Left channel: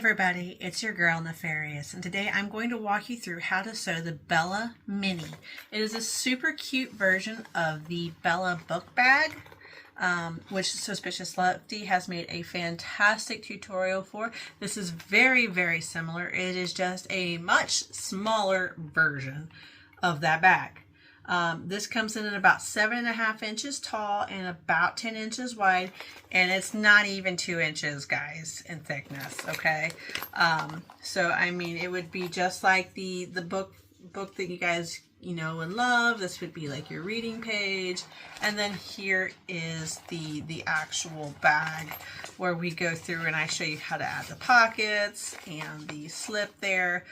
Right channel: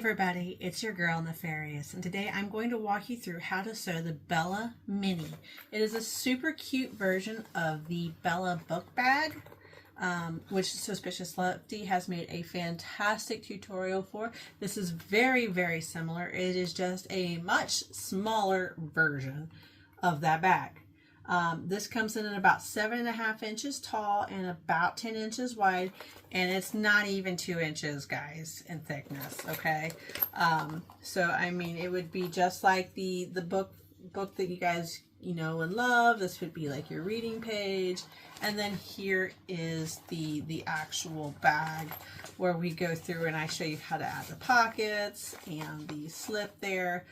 Everybody, it's your girl Nefarious, and today I'm going to walk you through how to sew the Bella Mini. It is a super cute version of the Bella book bag, which Stitchez has made a fantastic tutorial for. This is very, very similar. It is just a much smaller version of that bag. This comes in at about 7.5 inches tall and about 10 inches wide, and it's not even 2 inches, guys, in thickness. Okay, so I mean, it would be just like the book that you guys know and love. This would be like your reading page, and then here is the actual bag where we go through and I show you how to add the pockets and the slip there.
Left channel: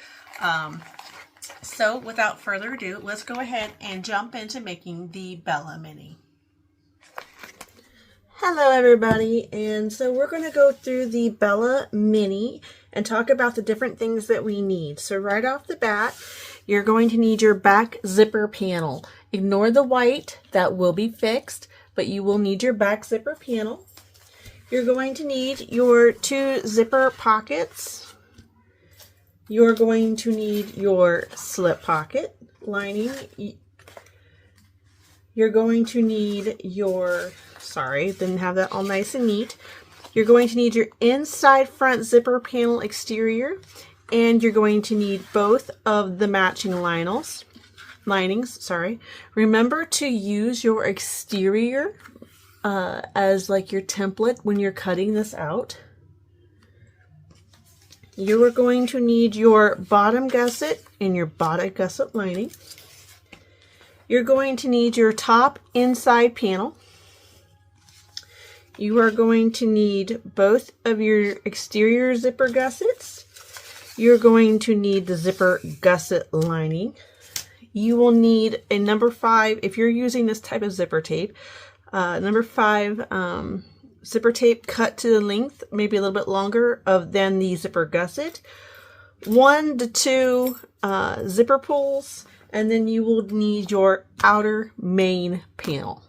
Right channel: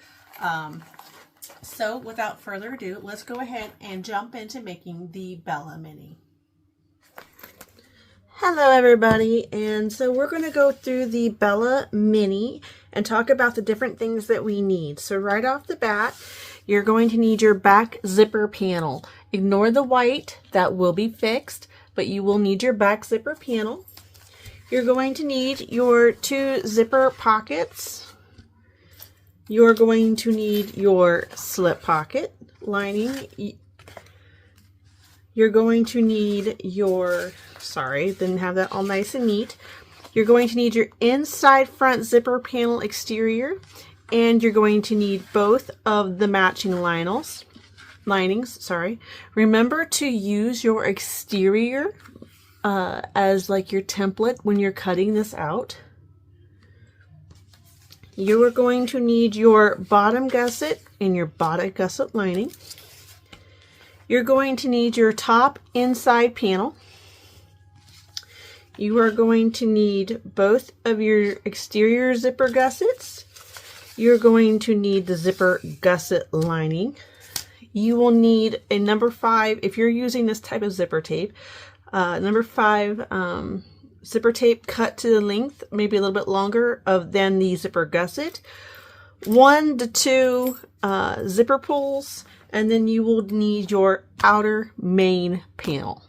So without further ado, let's go ahead and jump into making the Bella Mini. Hello everybody, and so we're going to go through the Bella Mini and talk about the different things that we need. So right off the bat, you're going to need your back zipper panel. Ignore the white, that will be fixed, but you will need your back zipper panel. You're going to need your 2 zipper pockets. You're going to need your slip pocket lining. You're going to need your, sorry, didn't have that all nice and neat. You're going to need your inside front zipper panel exterior, and you're going to need both of the matching linings. Remember to use your exterior as like your template when you're cutting this out. You are going to need your bottom gusset and your bottom gusset lining. You're going to need your top inside panel. You are going to need both of your exterior zipper gussets. You're going to need the zipper gusset lining. You will need a number 5, if you're using this type of zipper tape, number 5 zipper tape cut to the length, maybe a little bit longer than the zipper gusset. 1 to 2 zipper pulls, and then you will need your outer main panel.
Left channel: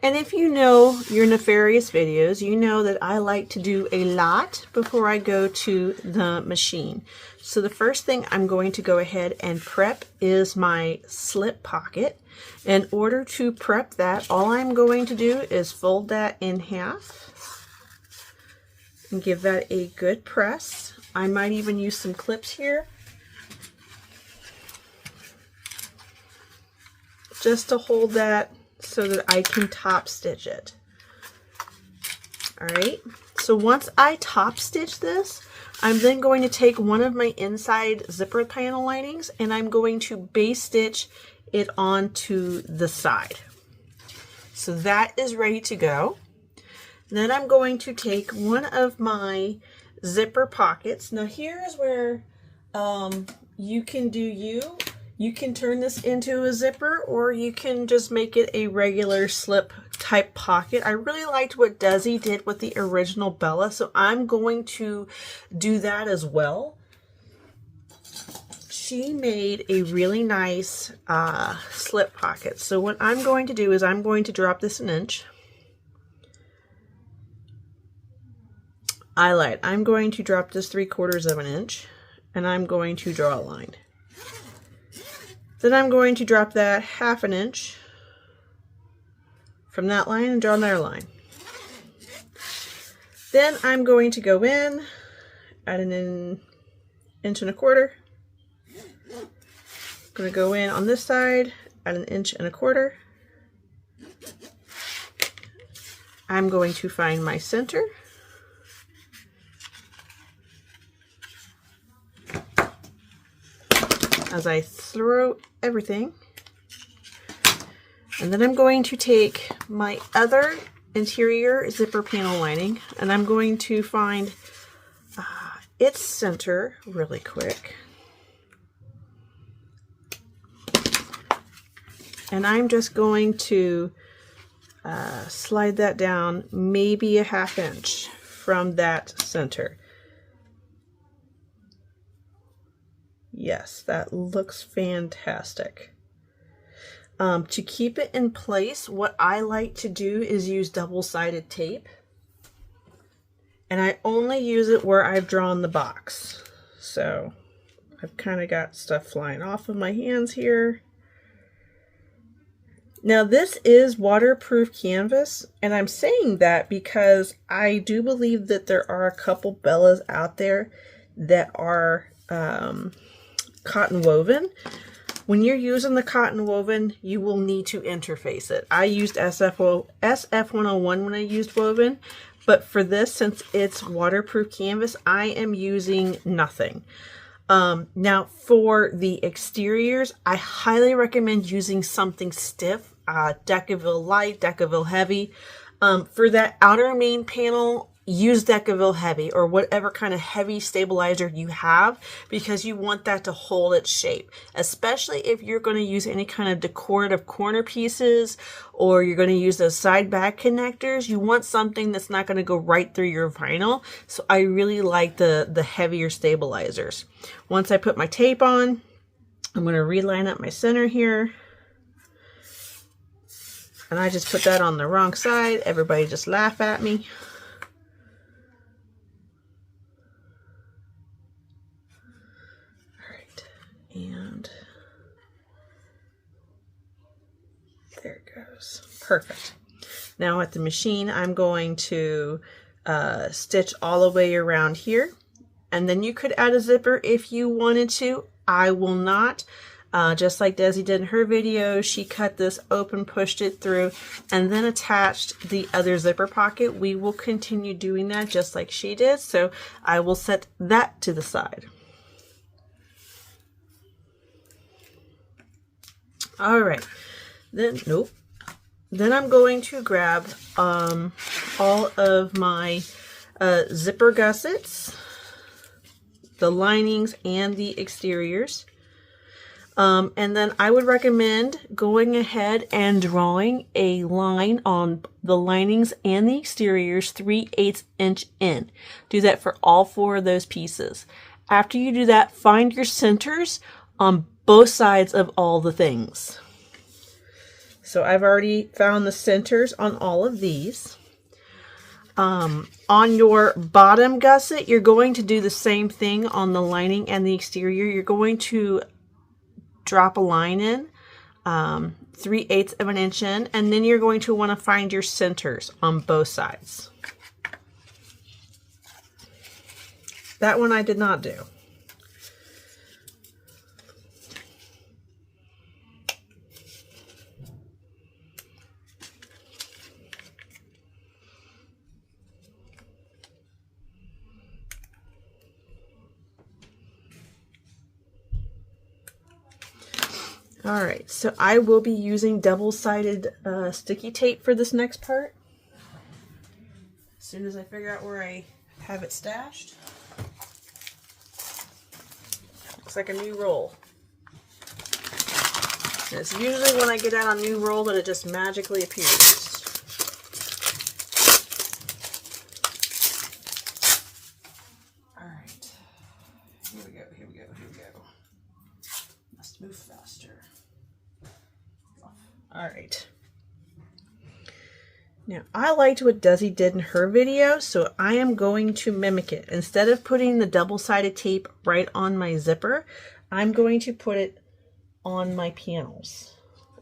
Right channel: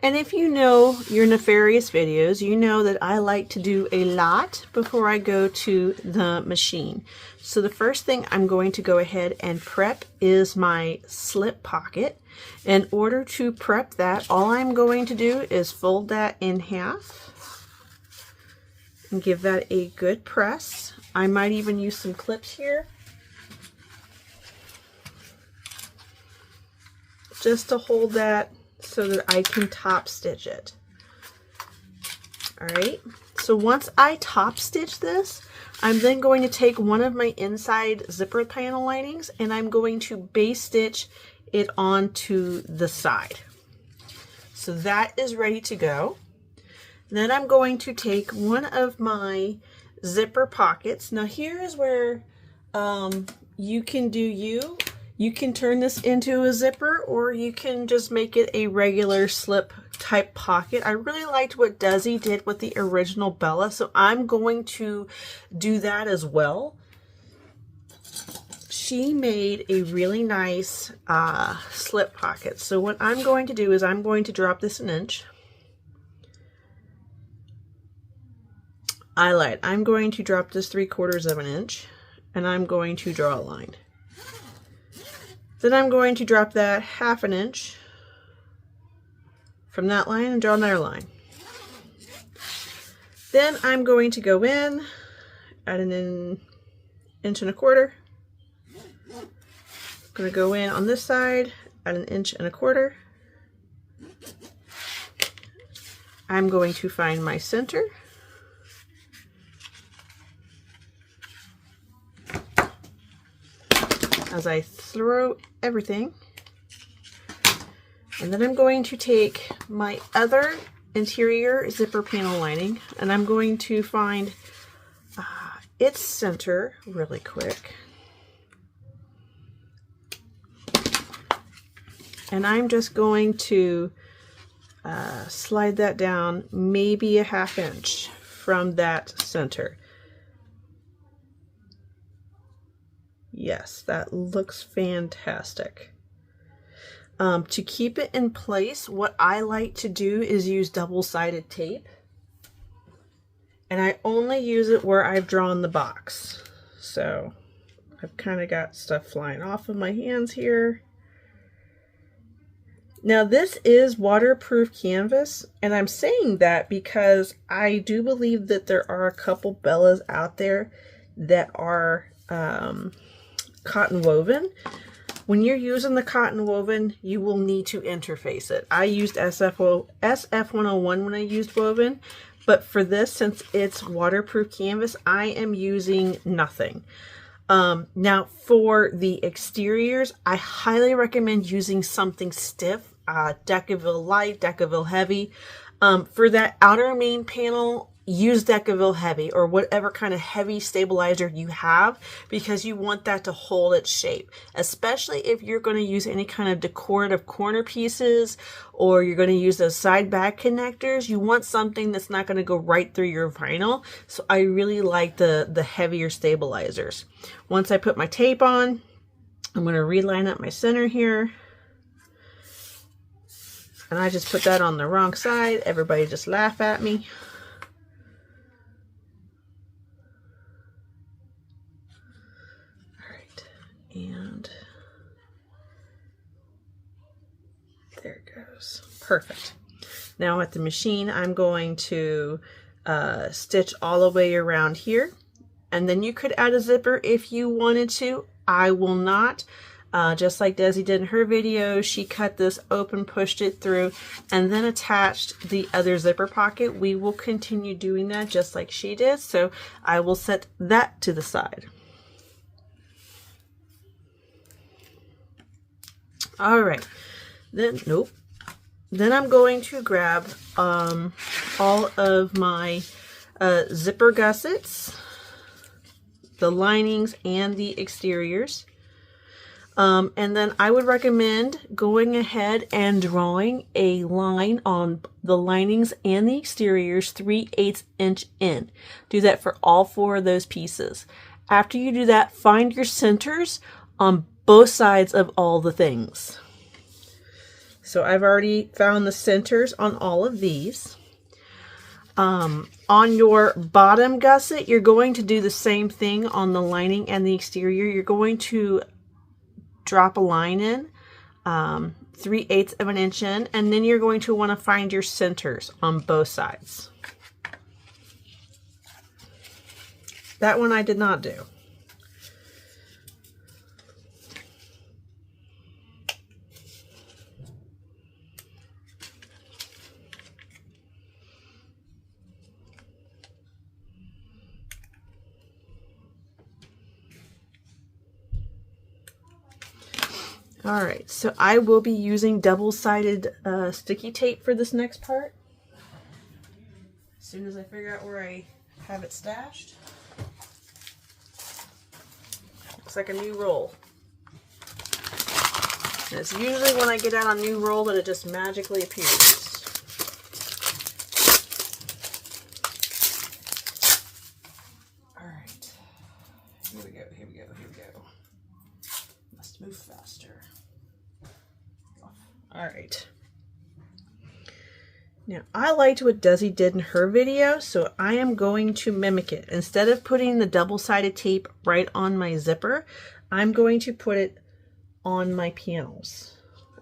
And if you know your Nefarious videos, you know that I like to do a lot before I go to the machine. So the first thing I'm going to go ahead and prep is my slip pocket. In order to prep that, all I'm going to do is fold that in half and give that a good press. I might even use some clips here just to hold that so that I can top stitch it. All right, so once I top stitch this, I'm then going to take one of my inside zipper panel linings and I'm going to base stitch it onto the side. So that is ready to go. Then I'm going to take one of my zipper pockets. Now here is where you can you can turn this into a zipper, or you can just make it a regular slip type pocket. I really liked what Desi did with the original Bella, so I'm going to do that as well. She made a really nice slip pocket. So what I'm going to do is I'm going to drop this an inch. I lied. I'm going to drop this 3/4 of an inch, and I'm going to draw a line. Then I'm going to drop that 1/2 inch from that line and draw another line. Then I'm going to go in at an 1.25 inches. Going to go in on this side at 1.25 inches. I'm going to find my center. As I throw everything. And then I'm going to take my other interior zipper panel lining and I'm going to find its center really quick. And I'm just going to slide that down maybe a 1/2 inch from that center. Yes, that looks fantastic. To keep it in place, what I like to do is use double-sided tape. And I only use it where I've drawn the box. So I've kind of got stuff flying off of my hands here. Now this is waterproof canvas, and I'm saying that because I do believe that there are a couple Bellas out there that are cotton woven. When you're using the cotton woven, you will need to interface it. I used SF101 when I used woven, but for this, since it's waterproof canvas, I am using nothing. Now for the exteriors, I highly recommend using something stiff, Decorative light, Decorative heavy. For that outer main panel, use Decorative heavy or whatever kind of heavy stabilizer you have, because you want that to hold its shape, especially if you're going to use any kind of decorative corner pieces or you're going to use those side back connectors. You want something that's not going to go right through your vinyl. So I really like the heavier stabilizers. Once I put my tape on, I'm going to reline up my center here. And I just put that on the wrong side. Everybody just laugh at me. All right, and there it goes. Perfect. Now at the machine, I'm going to stitch all the way around here. And then you could add a zipper if you wanted to. I will not. Just like Desi did in her video, she cut this open, pushed it through, and then attached the other zipper pocket. We will continue doing that just like she did, so I will set that to the side. All right, then I'm going to grab all of my zipper gussets, the linings, and the exteriors. And then I would recommend going ahead and drawing a line on the linings and the exteriors 3/8 inch in. Do that for all 4 of those pieces. After you do that, find your centers on both sides of all the things. So I've already found the centers on all of these. On your bottom gusset, you're going to do the same thing on the lining and the exterior. You're going to drop a line in 3/8 of an inch in, and then you're going to want to find your centers on both sides. That one I did not do. All right, so I will be using double-sided sticky tape for this next part. As soon as I figure out where I have it stashed. Looks like a new roll. And it's usually when I get out a new roll that it just magically appears. All right, here we go, here we go, here we go. Must move faster. All right. Now, I liked what Desi did in her video, so I am going to mimic it. Instead of putting the double-sided tape right on my zipper, I'm going to put it on my panels.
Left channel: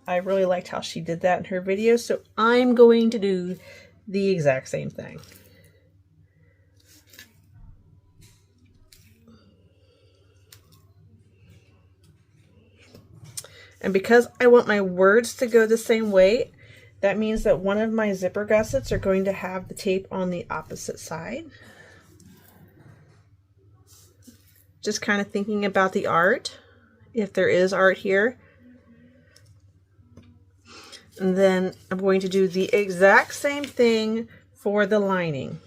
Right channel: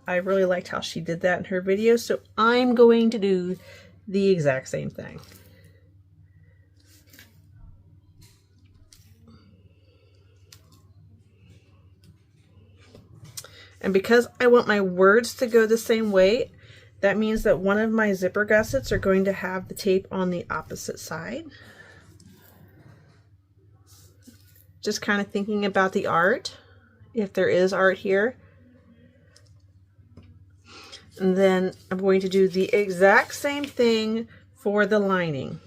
I really liked how she did that in her video, so I'm going to do the exact same thing. And because I want my words to go the same way, that means that one of my zipper gussets are going to have the tape on the opposite side. Just kind of thinking about the art, if there is art here. And then I'm going to do the exact same thing for the lining.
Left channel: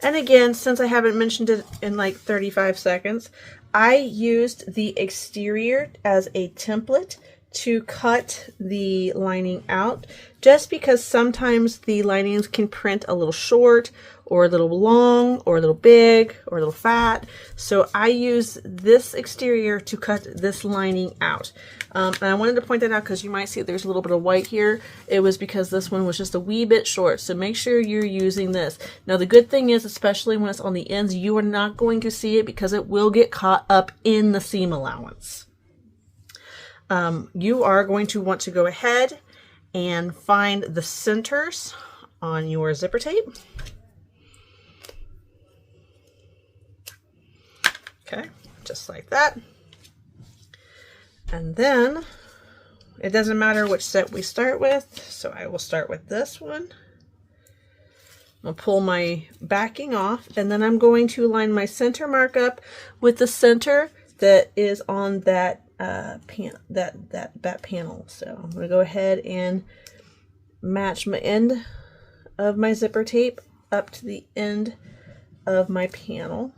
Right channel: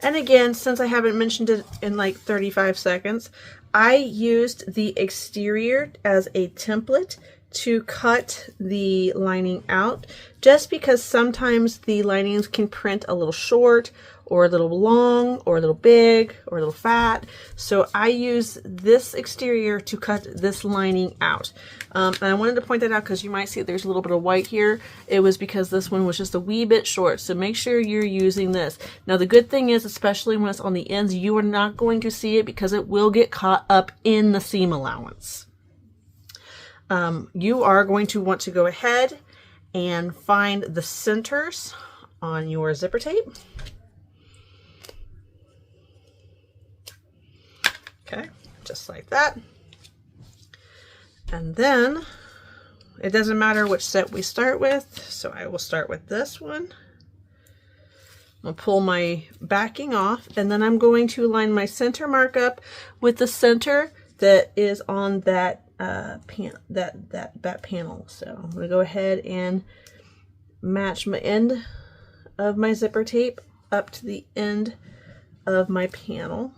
And again, since I haven't mentioned it in like 35 seconds, I used the exterior as a template to cut the lining out, just because sometimes the linings can print a little short or a little long or a little big or a little fat. So I use this exterior to cut this lining out. And I wanted to point that out because you might see there's a little bit of white here. It was because this one was just a wee bit short. So make sure you're using this. Now the good thing is, especially when it's on the ends, you are not going to see it because it will get caught up in the seam allowance. You are going to want to go ahead and find the centers on your zipper tape. Okay, just like that. And then it doesn't matter which set we start with, so I will start with this one. I'll pull my backing off, and then I'm going to line my center mark up with the center that is on that that panel. So I'm going to go ahead and match my end of my zipper tape up to the end of my panel.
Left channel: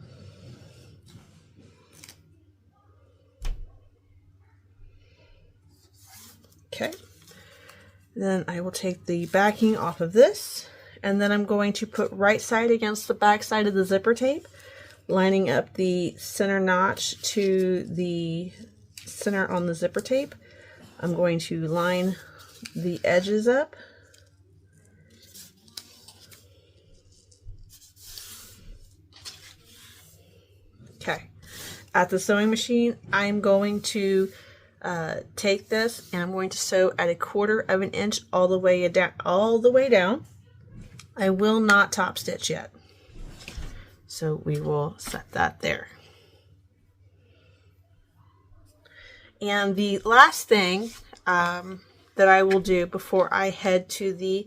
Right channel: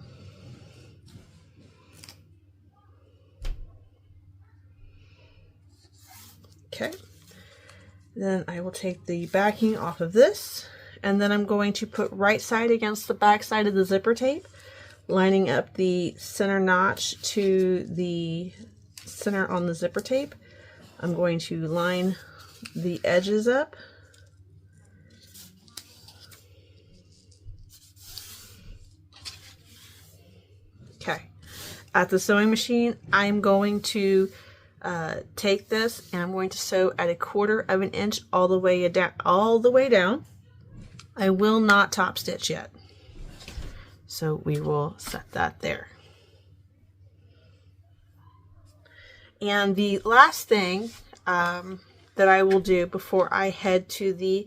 Okay, then I will take the backing off of this, and then I'm going to put right side against the back side of the zipper tape, lining up the center notch to the center on the zipper tape. I'm going to line the edges up. Okay, at the sewing machine, I'm going to take this and I'm going to sew at 1/4 of an inch all the way down. I will not top stitch yet, so we will set that there. And the last thing that I will do before I head to the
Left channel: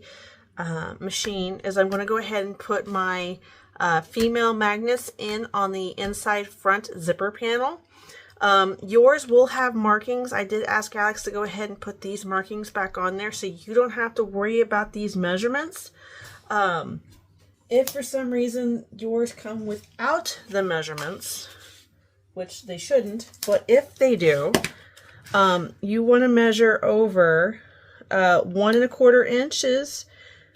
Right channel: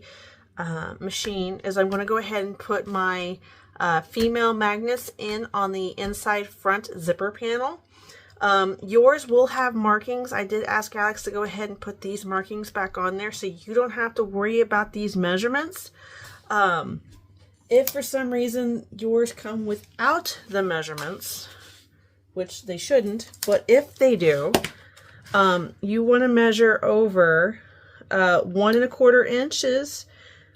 machine is I'm going to go ahead and put my female magnets in on the inside front zipper panel. Yours will have markings. I did ask Alex to go ahead and put these markings back on there so you don't have to worry about these measurements. If for some reason yours come without the measurements, which they shouldn't, but if they do, you want to measure over 1 1/4 inches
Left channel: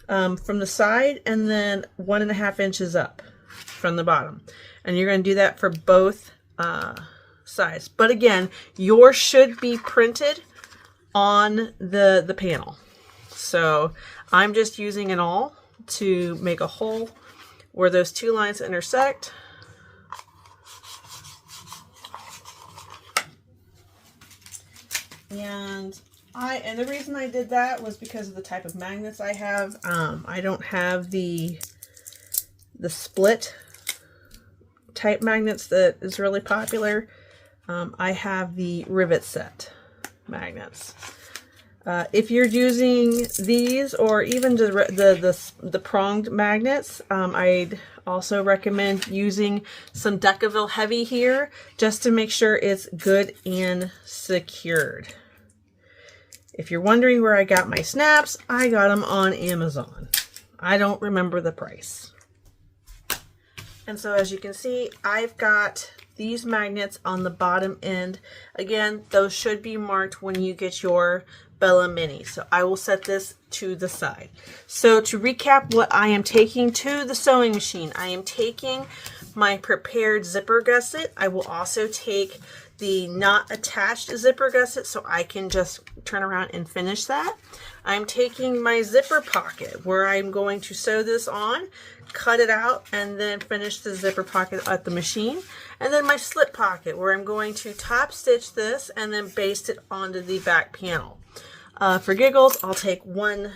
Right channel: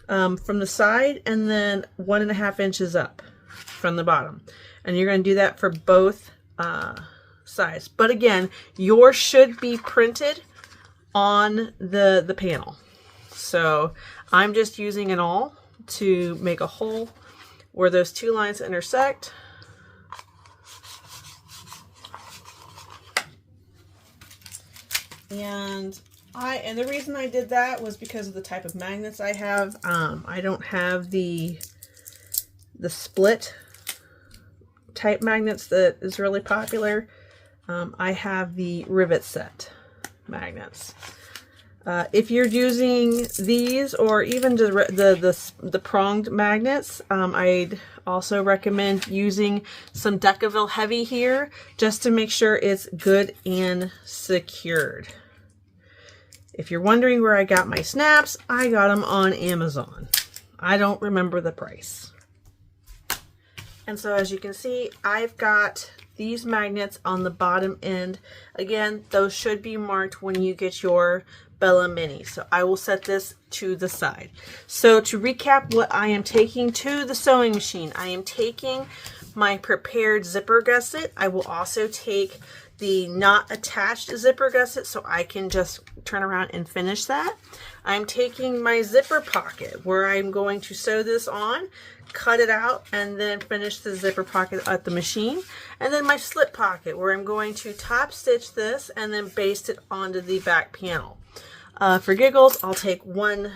from the side, and then 1 1/2 inches up from the bottom. And you're going to do that for both sides. But again, yours should be printed on the panel. So I'm just using an awl to make a hole where those two lines intersect. And the reason I did that was because of the type of magnets I have. I don't have the split type magnets that is really popular. I have the rivet set magnets. If you're using these or even the pronged magnets, I'd also recommend using some Decorative heavy here just to make sure it's good and secured. If you're wondering where I got my snaps, I got them on Amazon. I don't remember the price. And so as you can see, I've got these magnets on the bottom end. Again, those should be marked when you get your Bella Mini. So I will set this to the side. So to recap what I am taking to the sewing machine, I am taking my prepared zipper gusset. I will also take the not attached zipper gusset so I can just turn around and finish that. I'm taking my zipper pocket where I'm going to sew this on, cut it out, and then finish the zipper pocket at the machine. And then my slip pocket where I'm going to top stitch this and then baste it onto the back panel. For giggles, I'll take one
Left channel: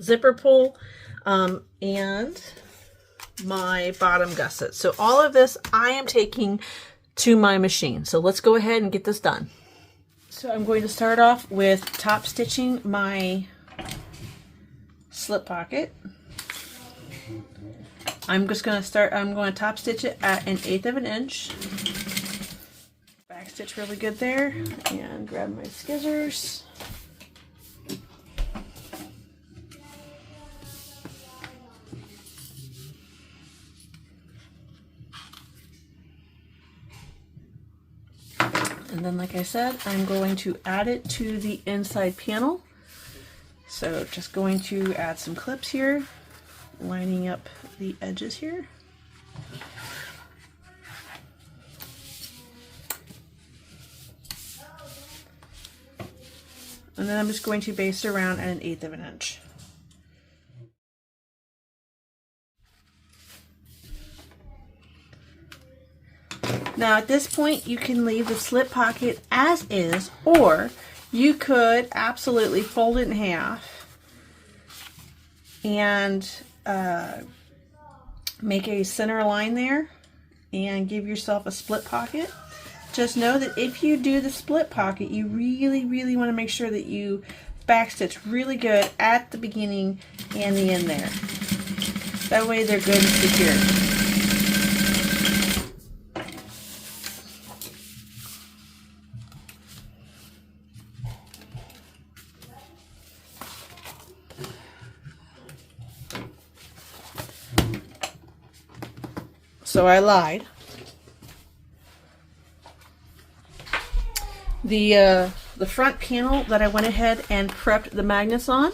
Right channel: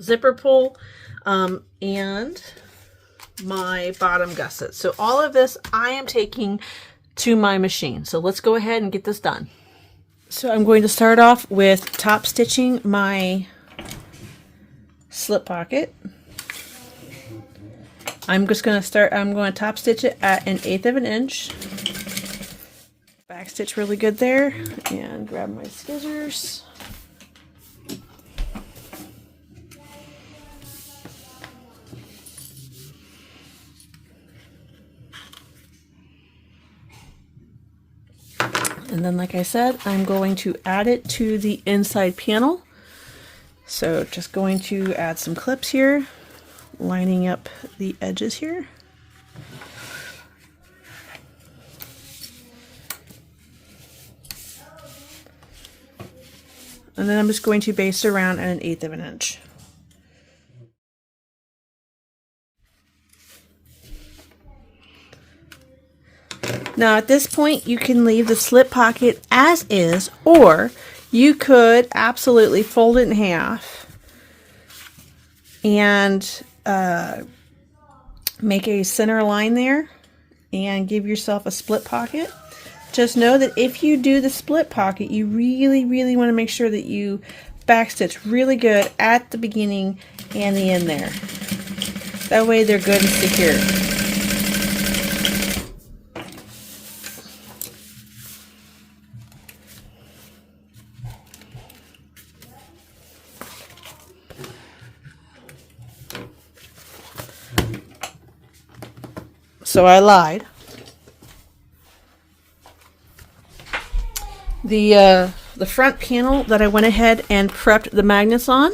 zipper pull and my bottom gusset. So all of this I am taking to my machine. So let's go ahead and get this done. So I'm going to start off with top stitching my slip pocket. I'm going to top stitch it at 1/8 of an inch. Back stitch really good there, and grab my scissors. And then, like I said, I'm going to add it to the inside panel. So just going to add some clips here, lining up the edges here. And then I'm just going to base it around at 1/8 of an inch. Now at this point you can leave the slip pocket as is, or you could absolutely fold it in half and make a center line there and give yourself a split pocket. Just know that if you do the split pocket, you really want to make sure that you backstitch really good at the beginning and the end there. That way they're good and secure. So I lied. The front panel that I went ahead and prepped the magnets on,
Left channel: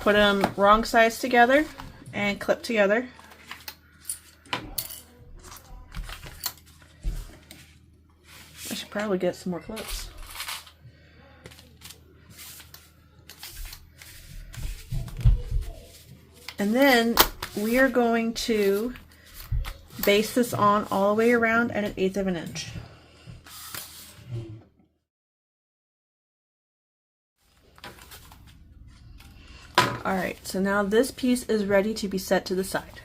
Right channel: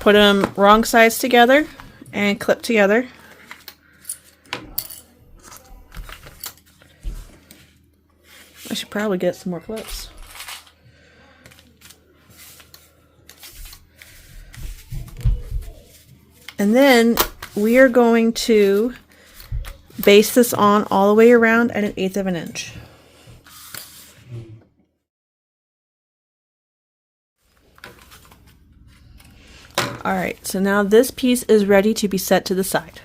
put them wrong sides together and clipped together. I should probably get some more clips. And then we are going to base this on all the way around at 1/8 of an inch. Alright, so now this piece is ready to be set to the side.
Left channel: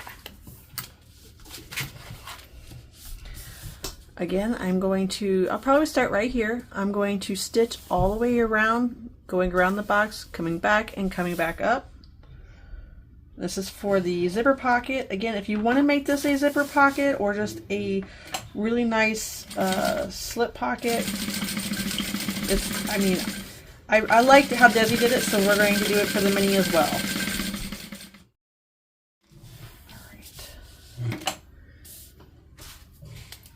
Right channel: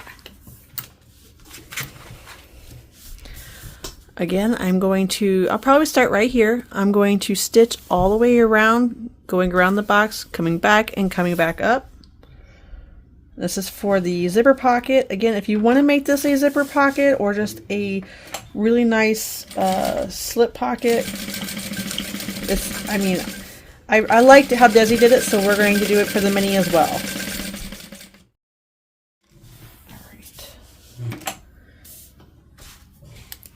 Again, I'll probably start right here. I'm going to stitch all the way around, going around the box, coming back and coming back up. This is for the zipper pocket. Again, if you want to make this a zipper pocket or just a really nice slip pocket, I liked how Desi did it, so we're going to do it for the mini as well. Alright.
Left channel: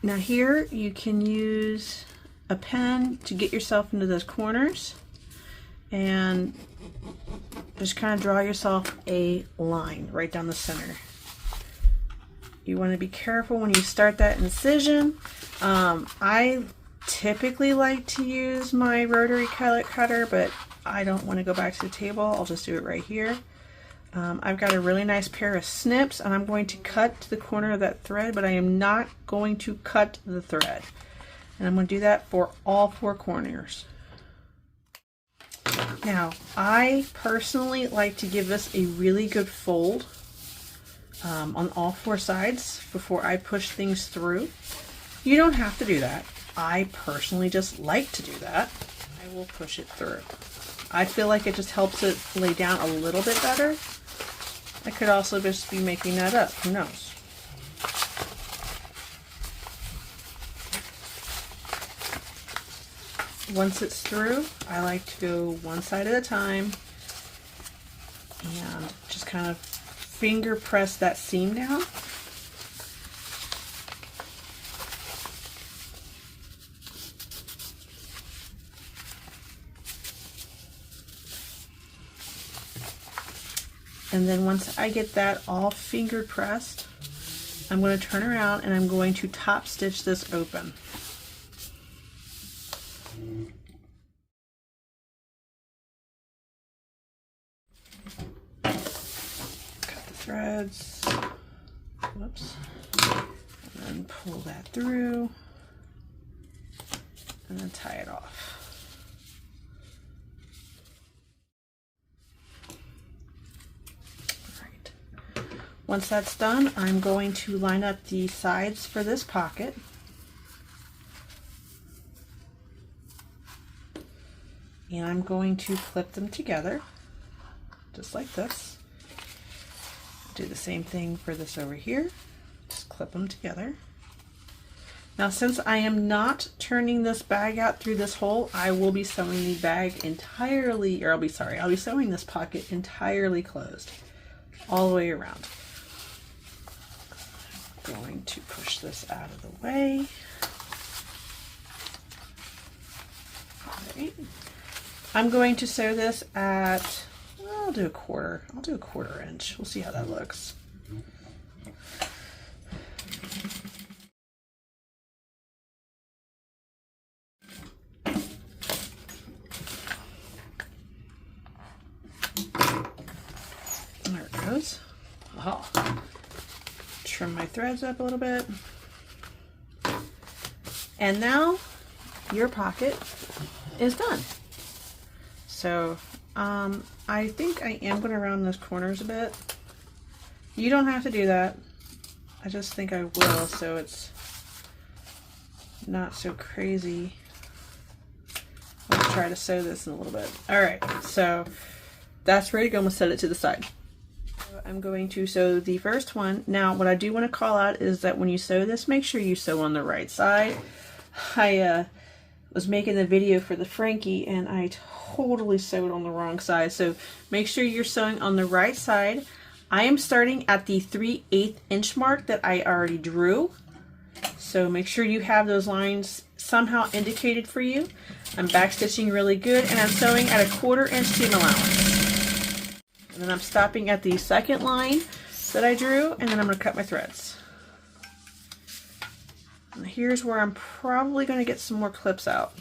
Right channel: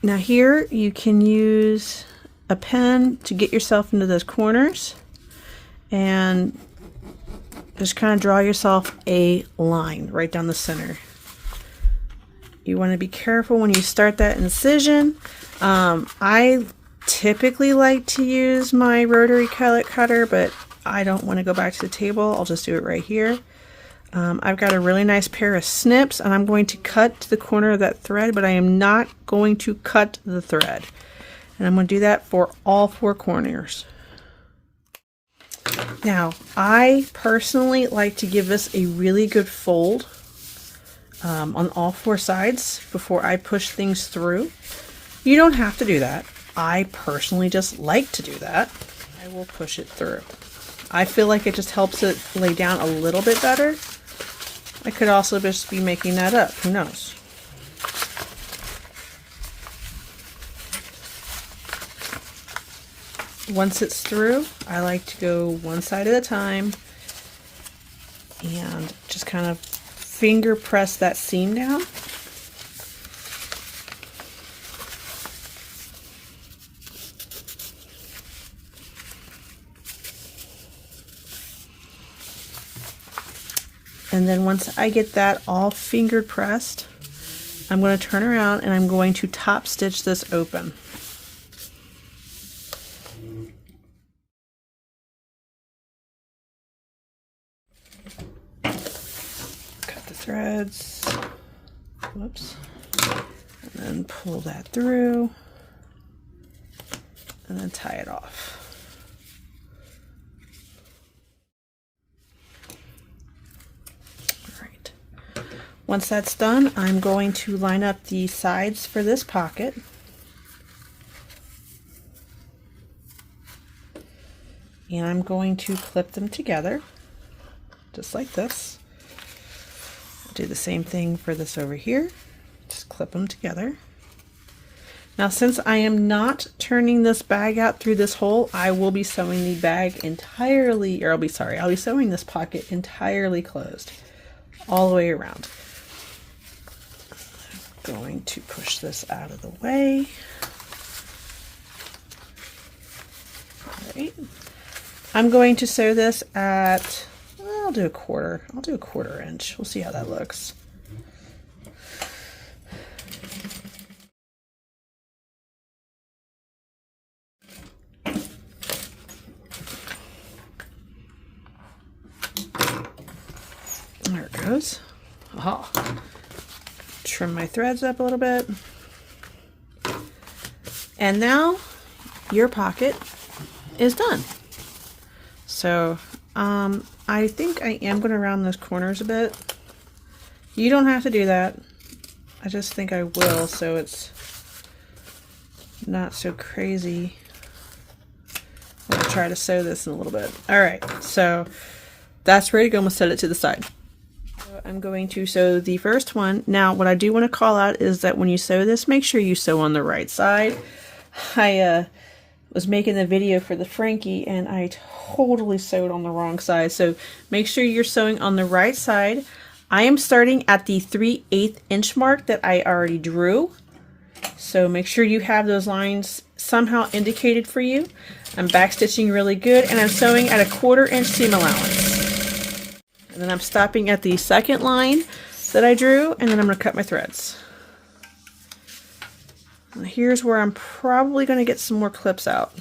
Now here you can use a pen to get yourself into those corners and just kind of draw yourself a line right down the center. You want to be careful when you start that incision. I typically like to use my rotary collet cutter, but I don't want to go back to the table. I'll just do it right here. I've got a really nice pair of snips and I'm going to cut to the corner of that thread, but I am not going to cut the thread. And I'm going to do that for all 4 corners. Now, I personally like to give this a really good fold on all 4 sides before I push things through. You don't have to do that. I personally just like to do that. I will push it through. I feel like it just helps it lay down a little bit better. I could also just be making that up. Who knows? Once it's through, I like to go one side at a time and just kind of finger press that seam down. And then once I get that all fingered pressed, I'm going to turn around and I'm going to top stitch this open. Cut the threads, whoops, and then pull that through and then tie it off. Once that's done, I'm going to line up the sides for this pocket. And I'm going to clip them together, just like this. Do the same thing for this over here. Just clip them together. Now, since I am not turning this bag out through this hole, I will be sewing the bag entirely, or I'll be sewing this pocket entirely closed, all the way around. Going to push this out of the way. right. I'm going to sew this at, I'll do a quarter. I'll do a 1/4 inch. We'll see how that looks. There it goes. Oh. Trim my threads up a little bit. And now your pocket is done. So I think I am going to round those corners a bit. You don't have to do that. I just think I will, so it's not so crazy. I'm going to try to sew this in a little bit. Alright, so that's ready to go. I'm going to set it to the side. I'm going to sew the first one. Now what I do want to call out is that when you sew this, make sure you sew on the right side. I was making the video for the Frankie and I totally sewed on the wrong side, so make sure you're sewing on the right side. I am starting at the 3/8 inch mark that I already drew, so make sure you have those lines somehow indicated for you. I'm backstitching really good and I'm sewing at a 1/4 inch seam allowance. And then I'm stopping at the second line that I drew, and then I'm going to cut my threads. And here's where I'm probably going to get some more clips out.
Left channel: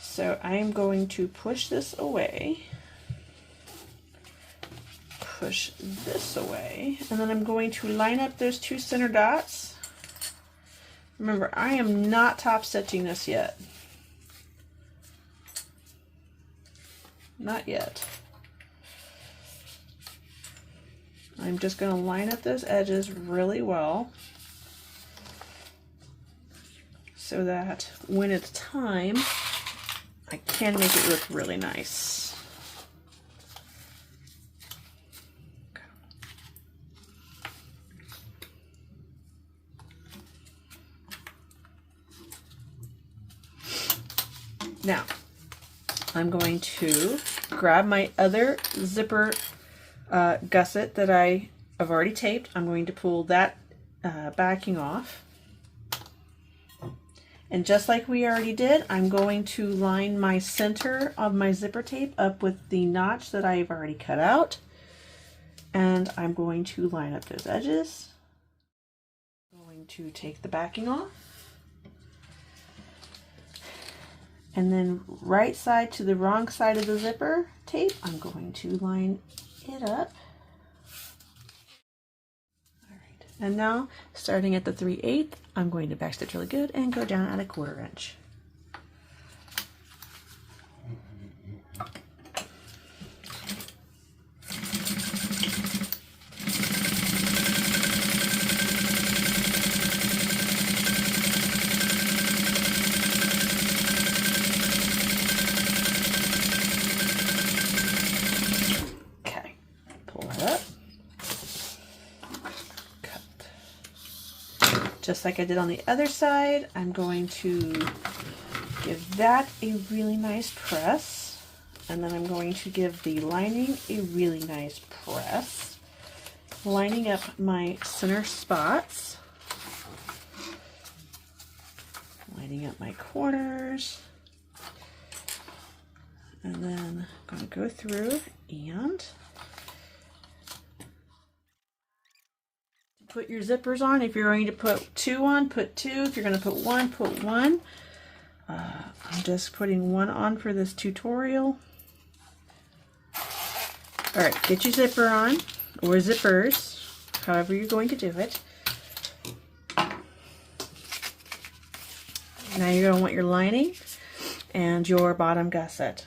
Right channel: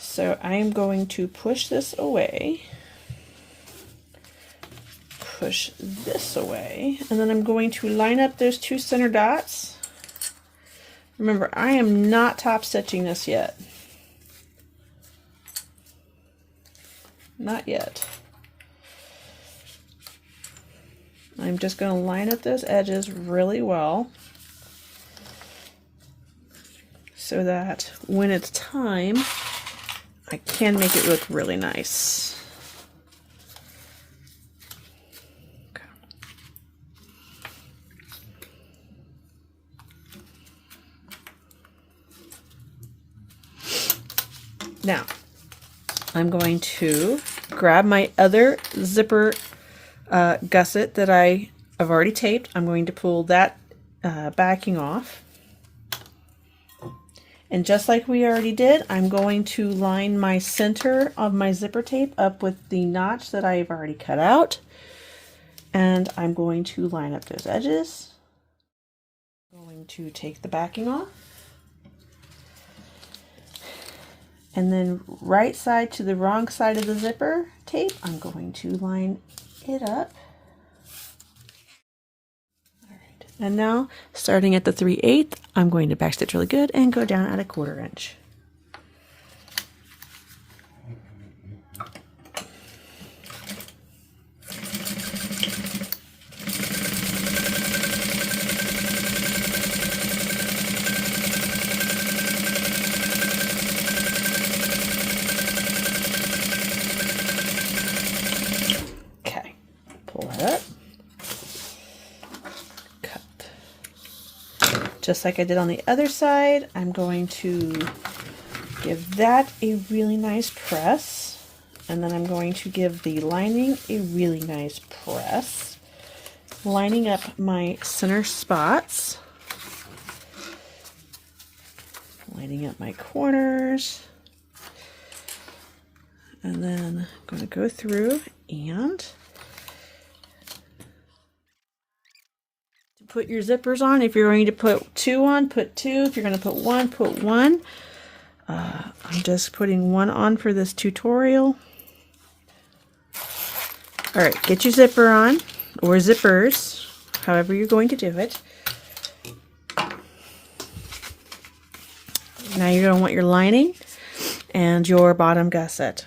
So I am going to push this away, push this away, and then I'm going to line up those 2 center dots. Remember, I am not top stitching this yet. Not yet. I'm just going to line up those edges really well so that when it's time, I can make it look really nice. Okay. Now, I'm going to grab my other zipper gusset that I have already taped. I'm going to pull that backing off. And just like we already did, I'm going to line my center of my zipper tape up with the notch that I've already cut out. And I'm going to line up those edges. I'm going to take the backing off. And then right side to the wrong side of the zipper tape, I'm going to line it up. And now, starting at the 3/8, I'm going to backstitch really good and go down at a 1/4 inch. Okay, pull that up. Just like I did on the other side, I'm going to give that a really nice press, and then I'm going to give the lining a really nice press, lining up my center spots, lining up my corners, and then I'm going to go through and put your zippers on. If you're going to put 2 on, put 2. If you're going to put 1, put 1. I'm just putting 1 on for this tutorial. Alright, get your zipper on, or zippers, however you're going to do it. Now you're going to want your lining and your bottom gusset.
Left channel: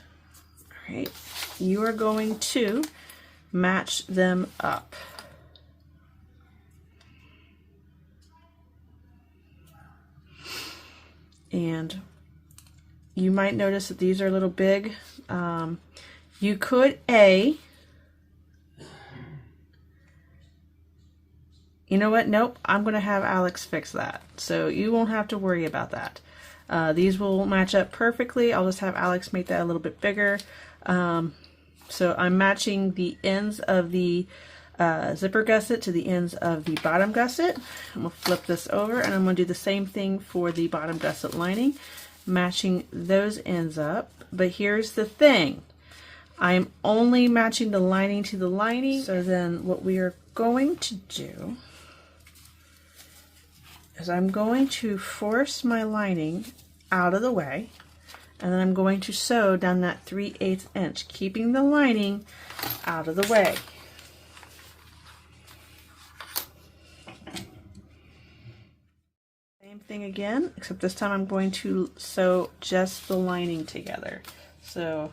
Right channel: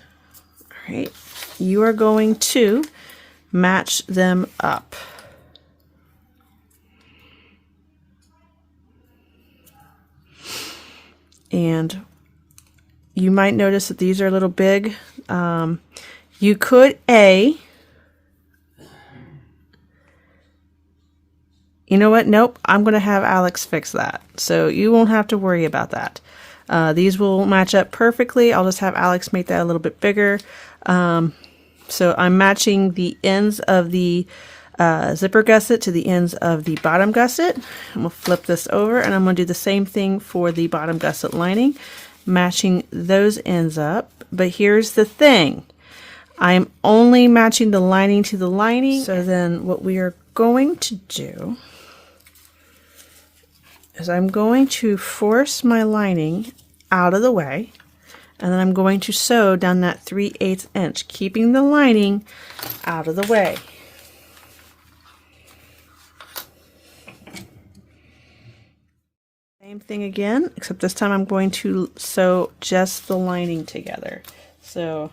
Alright, you are going to match them up. And you might notice that these are a little big. You could you know what? Nope, I'm going to have Alex fix that. So you won't have to worry about that. These will match up perfectly. I'll just have Alex make that a little bit bigger. So I'm matching the ends of the zipper gusset to the ends of the bottom gusset. I'm going to flip this over and I'm going to do the same thing for the bottom gusset lining. matching those ends up. But here's the thing. I'm only matching the lining to the lining. So then what we are going to do is I'm going to force my lining out of the way, and then I'm going to sew down that 3/8 inch, keeping the lining out of the way. Same thing again, except this time I'm going to sew just the lining together. So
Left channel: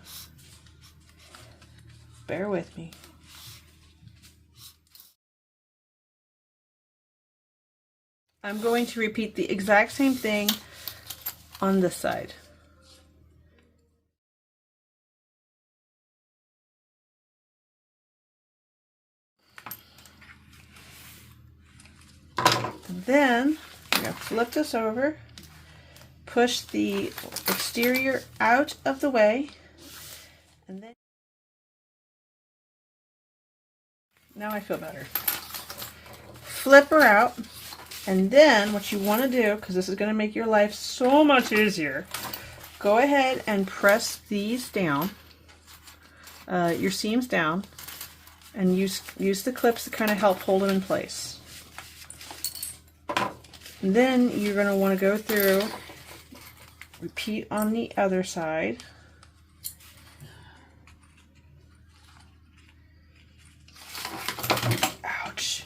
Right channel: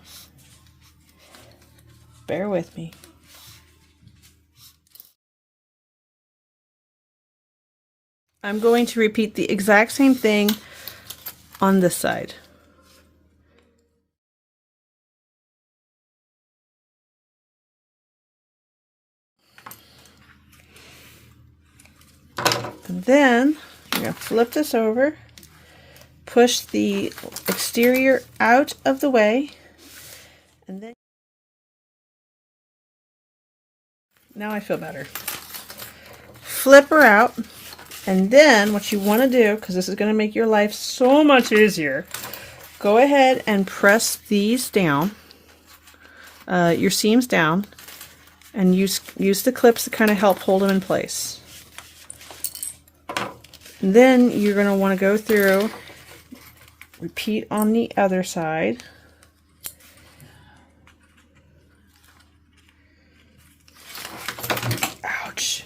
bear with me. I'm going to repeat the exact same thing on this side. And then you're going to flip this over, push the exterior out of the way, and then now I feel better. Flip her out, and then what you want to do, because this is going to make your life so much easier, go ahead and press these down, your seams down, and use the clips to kind of help hold them in place. And then you're going to want to go through, repeat on the other side. Ouch.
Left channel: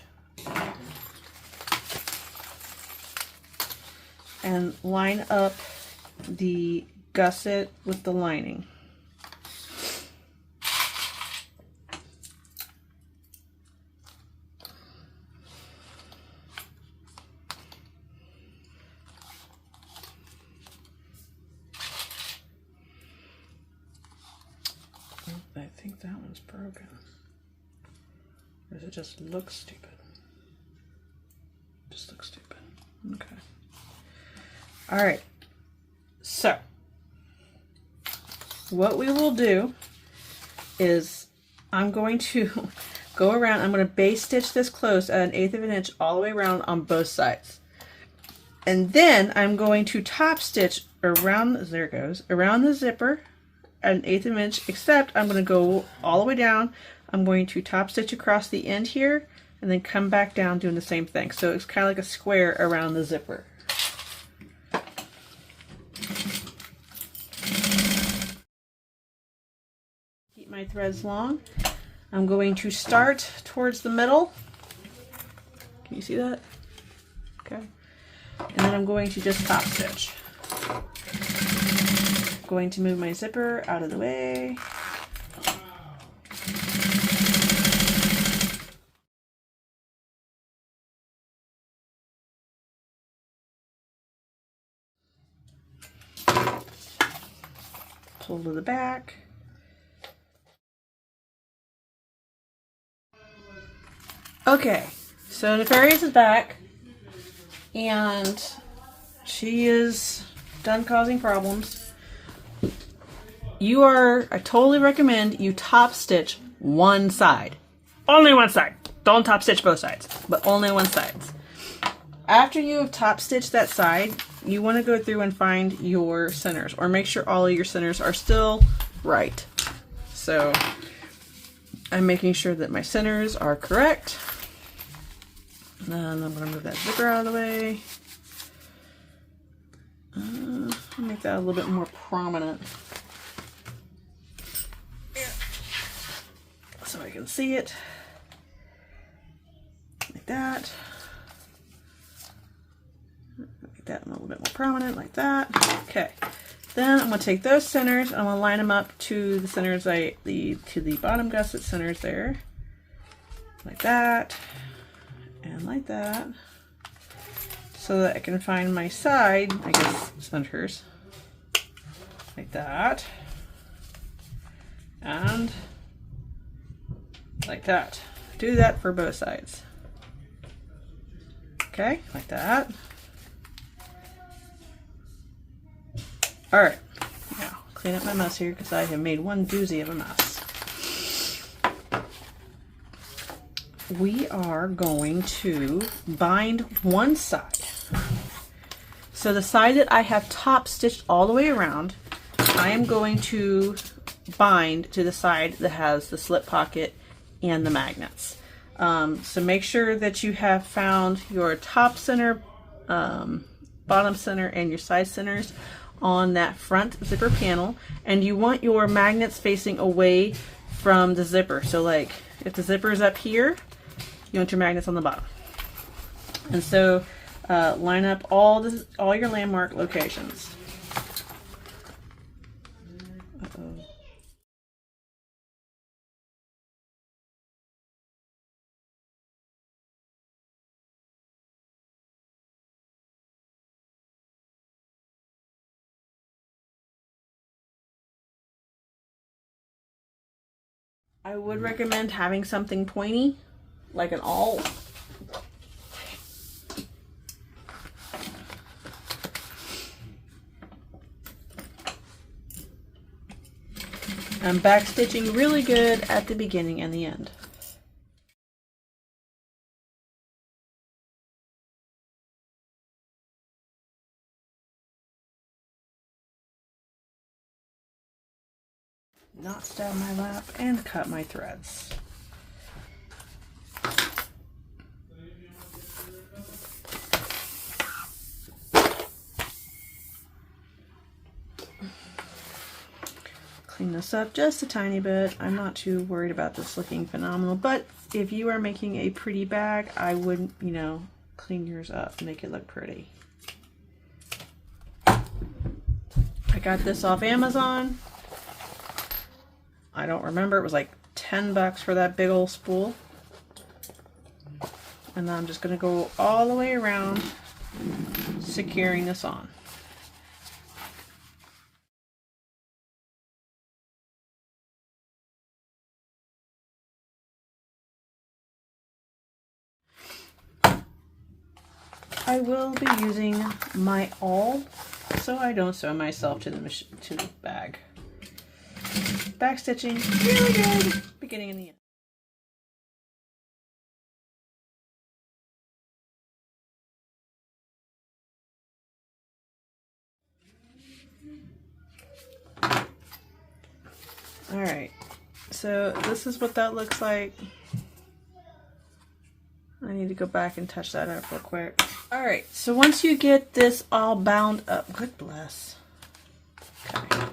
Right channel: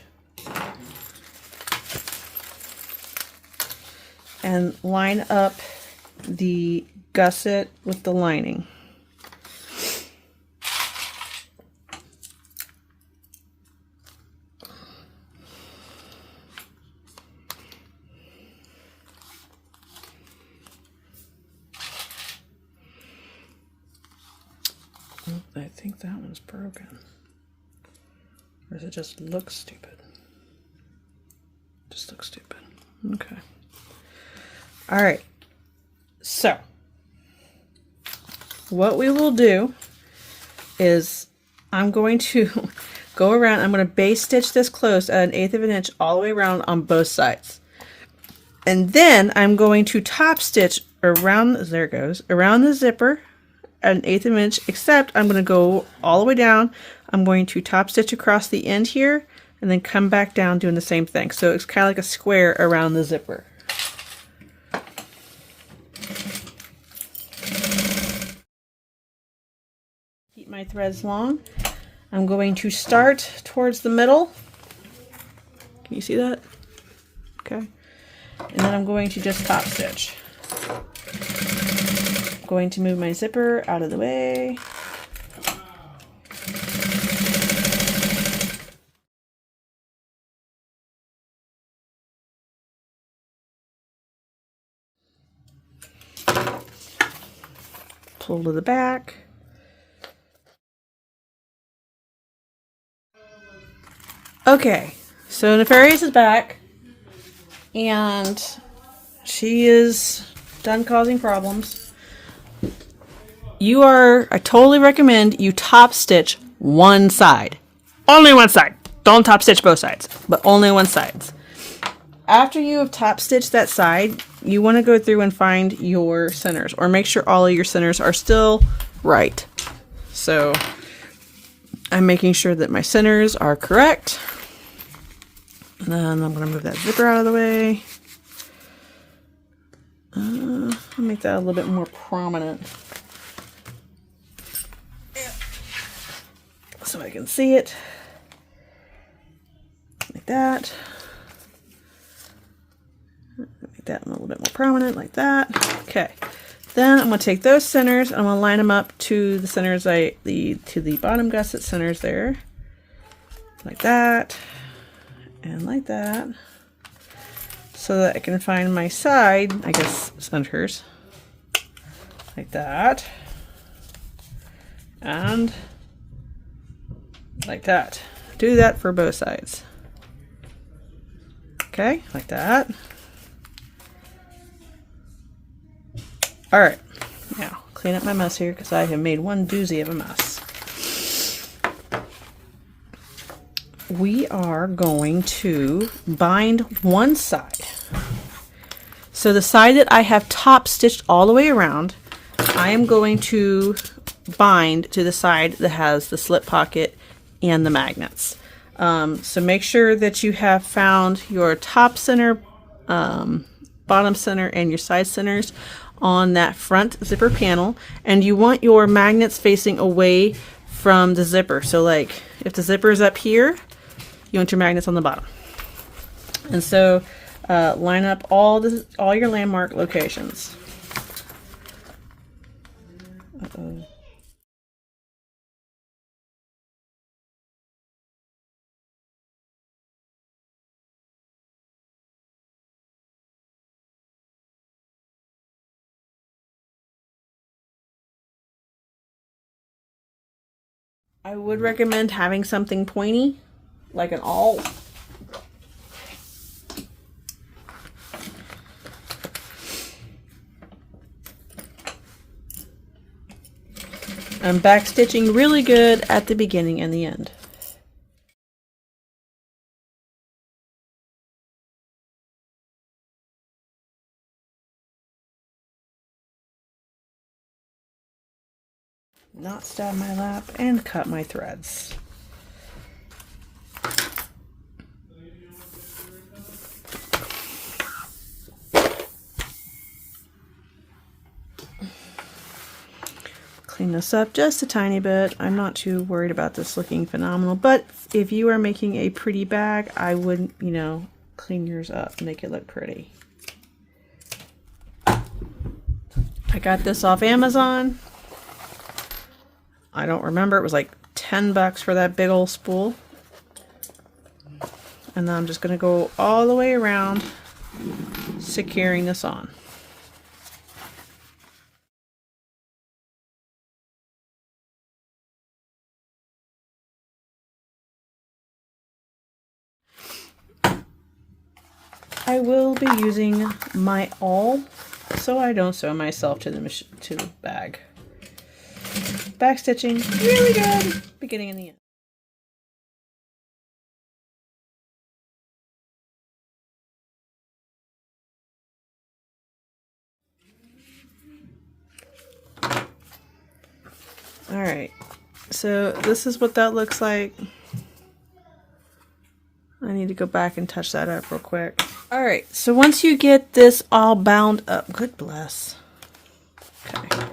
And line up the gusset with the lining. I think that one's broken. Or does it just look stupid? Just looks stupid. Okay. Alright. So, what we will do is I'm going to go around, I'm going to base stitch this closed at 1/8 of an inch all the way around on both sides. And then I'm going to top stitch around, there it goes, around the zipper at 1/8 of an inch, except I'm going to go all the way down. I'm going to top stitch across the end here and then come back down doing the same thing. So it's kind of like a square around the zipper. Keep my threads long. I'm going to start towards the middle. Can you see that? Okay. And then I'm going to just top stitch. Going to move my zipper out of the way. Pull to the back. Okay, so Nefarious is back, and she is done causing problems. I totally recommend you top stitch one side. Only one side. Don't top stitch both sides, but only one side. After you have top stitched that side, you want to go through and find your centers, or make sure all of your centers are still right. So I'm making sure that my centers are correct. And then I'm going to move that zipper out of the way. I'll make that a little bit more prominent, so I can see it. Like that. Make that a little bit more prominent, like that. Okay. Then I'm going to take those centers and I'm going to line them up to the centers to the bottom gusset centers there. Like that. And like that. So that I can find my side, I guess, centers. Like that. And like that. Do that for both sides. Okay, like that. Alright, now clean up my mess here because I have made one doozy of a mess. We are going to bind one side. So the side that I have top stitched all the way around, I am going to bind to the side that has the slip pocket and the magnets. So make sure that you have found your top center, bottom center, and your side centers on that front zipper panel, and you want your magnets facing away from the zipper. So like if the zipper is up here, you want your magnets on the bottom. And so line up all your landmark locations. Uh-oh. I would recommend having something pointy, like an awl. I'm backstitching really good at the beginning and the end. Not stab my lap and cut my threads. Clean this up just a tiny bit. I'm not too worried about this looking phenomenal, but if you are making a pretty bag, I would, you know, clean yours up, make it look pretty. I got this off Amazon. I don't remember, it was like 10 bucks for that big old spool. And then I'm just going to go all the way around securing this on. I will be using my awl so I don't sew myself to the bag. Backstitching really good, beginning and the end. All right, so this is what that looks like. I need to go back and touch that up real quick. All right, so once you get this all bound up, good bless. Okay.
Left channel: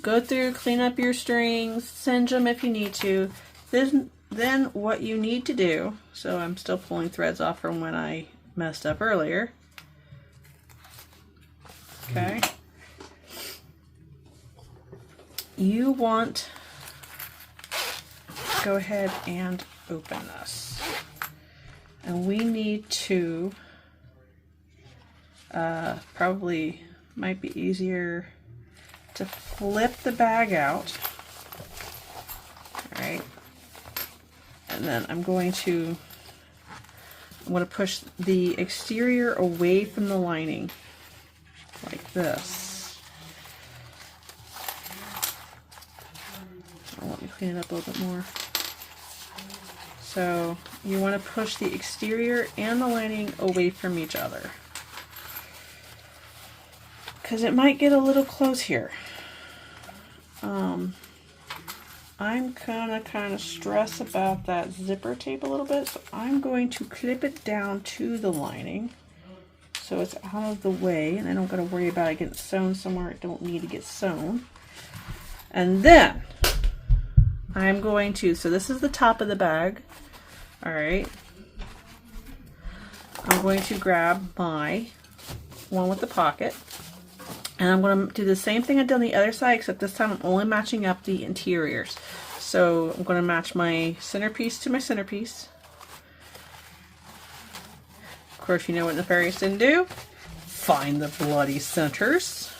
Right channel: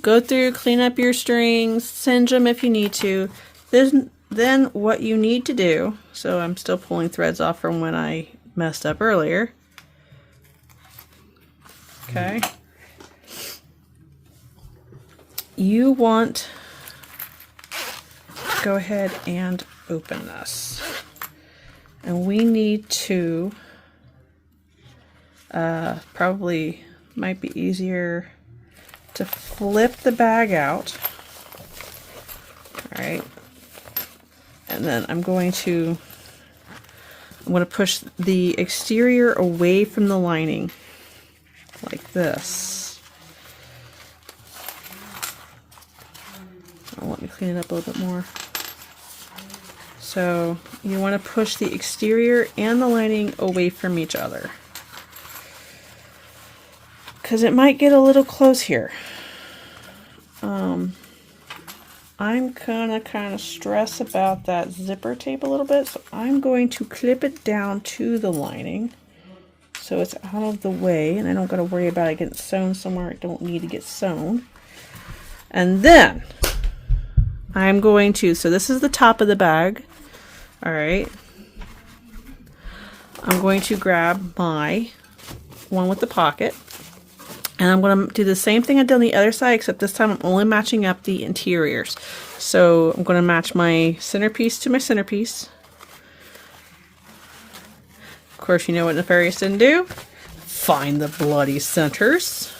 Go through, clean up your strings, singe them if you need to. Then what you need to do, so I'm still pulling threads off from when I messed up earlier. Okay. You want to go ahead and open this. And we need to, probably might be easier to flip the bag out. All right. And then I'm going to push the exterior away from the lining like this. Let me clean it up a little bit more. So you want to push the exterior and the lining away from each other, because it might get a little close here. I'm gonna kind of stress about that zipper tape a little bit, so I'm going to clip it down to the lining so it's out of the way and I don't gotta worry about it getting sewn somewhere it don't need to get sewn. And then I'm going to, so this is the top of the bag. All right, I'm going to grab my one with the pocket, and I'm going to do the same thing I did on the other side, except this time I'm only matching up the interiors. So I'm going to match my centerpiece to my centerpiece. Of course, you know what Nefarious didn't do? Find the bloody centers.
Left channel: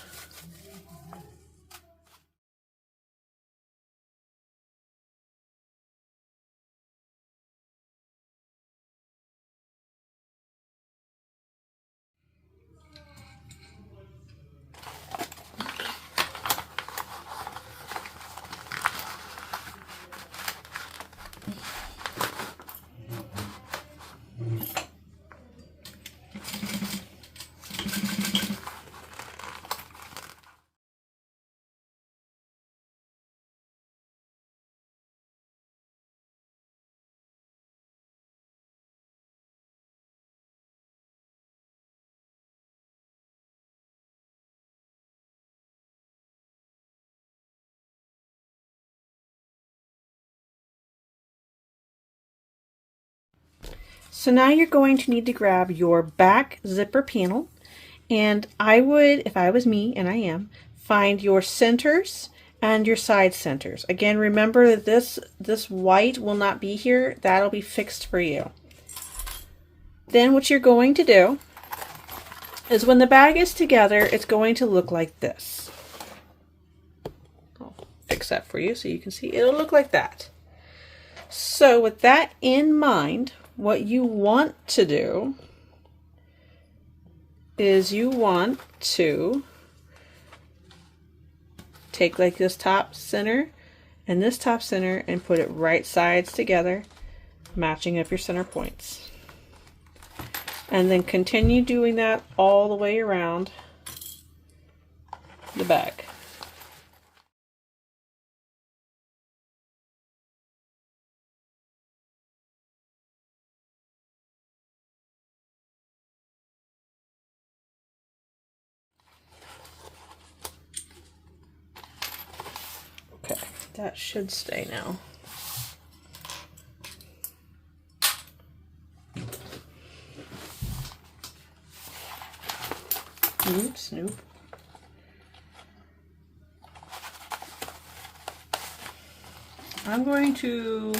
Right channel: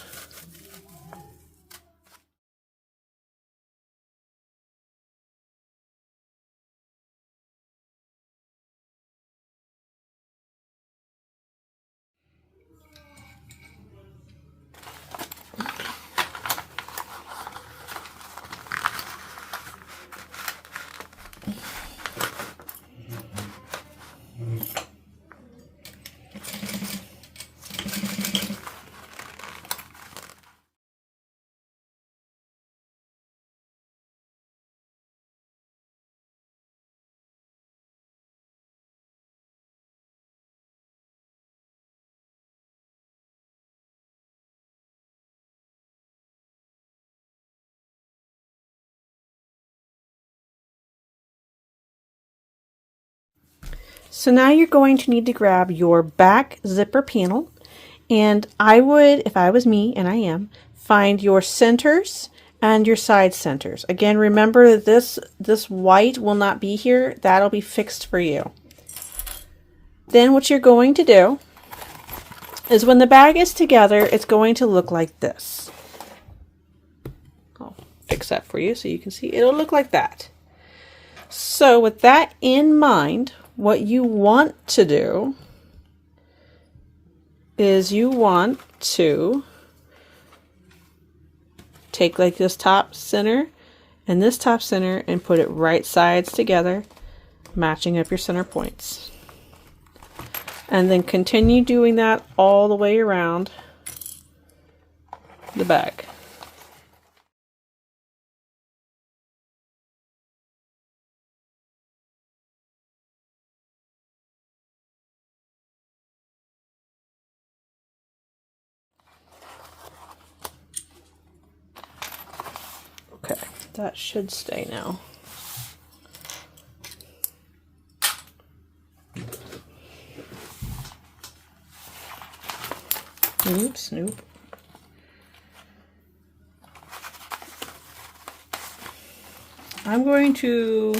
So now you're going to need to grab your back zipper panel, and I would, if I was me, and I am, find your centers and your side centers. Again, remember that this white will not be here. That'll be fixed for you. Then what you're going to do is when the bag is together, it's going to look like this. I'll fix that for you so you can see. It'll look like that. So with that in mind, what you want to do is you want to take like this top center and this top center and put it right sides together, matching up your center points. And then continue doing that all the way around the bag. Okay, that should stay now. Snoop. I'm going to,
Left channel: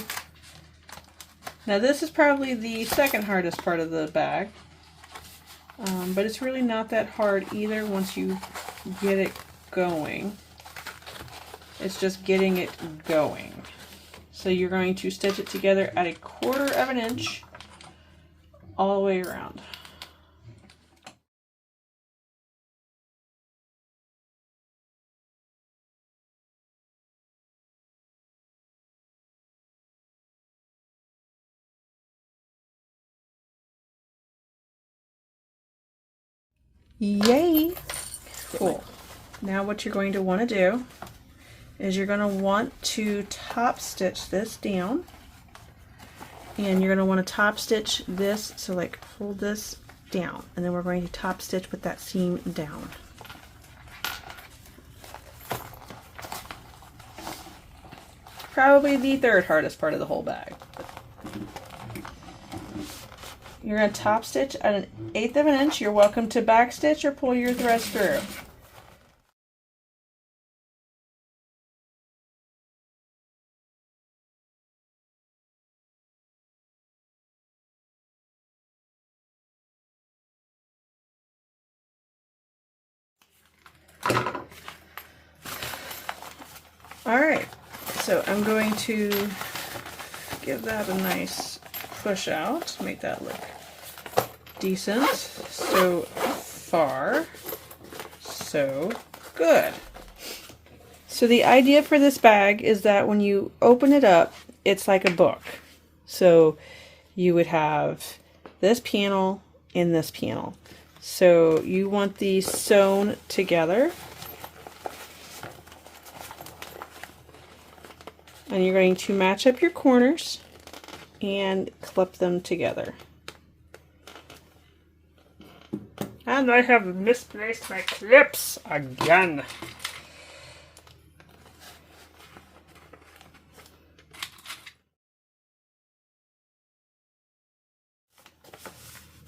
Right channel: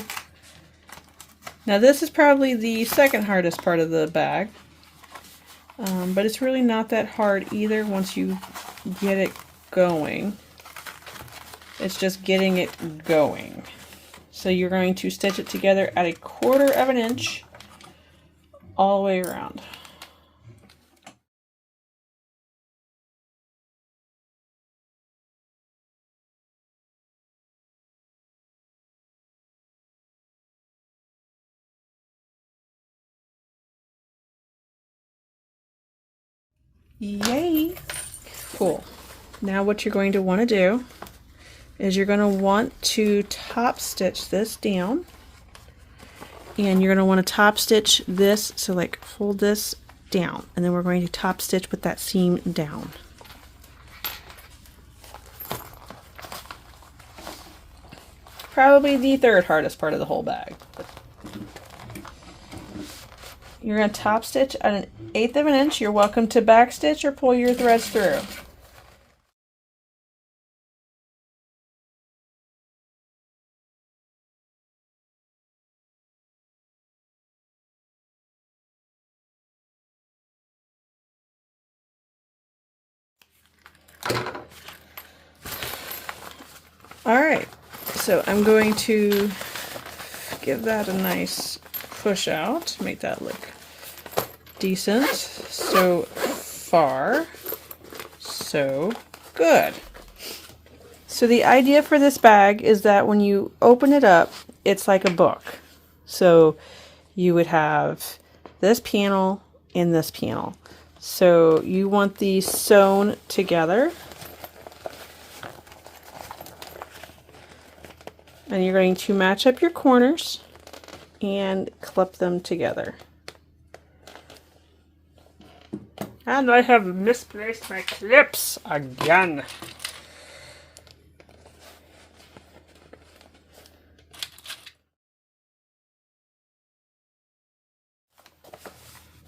now this is probably the second hardest part of the bag, but it's really not that hard either once you get it going. It's just getting it going. So you're going to stitch it together at 1/4 of an inch all the way around. Yay! Cool. Now what you're going to want to do is you're going to want to top stitch this down, and you're going to want to top stitch this, so like fold this down, and then we're going to top stitch with that seam down. Probably the third hardest part of the whole bag. You're going to top stitch at 1/8 of an inch. You're welcome to back stitch or pull your threads through. Alright, so I'm going to give that a nice push out, make that look decent. So far, so good. So the idea for this bag is that when you open it up, it's like a book. So you would have this panel and this panel. So you want these sewn together. And you're going to match up your corners and clip them together. And I have misplaced my clips again.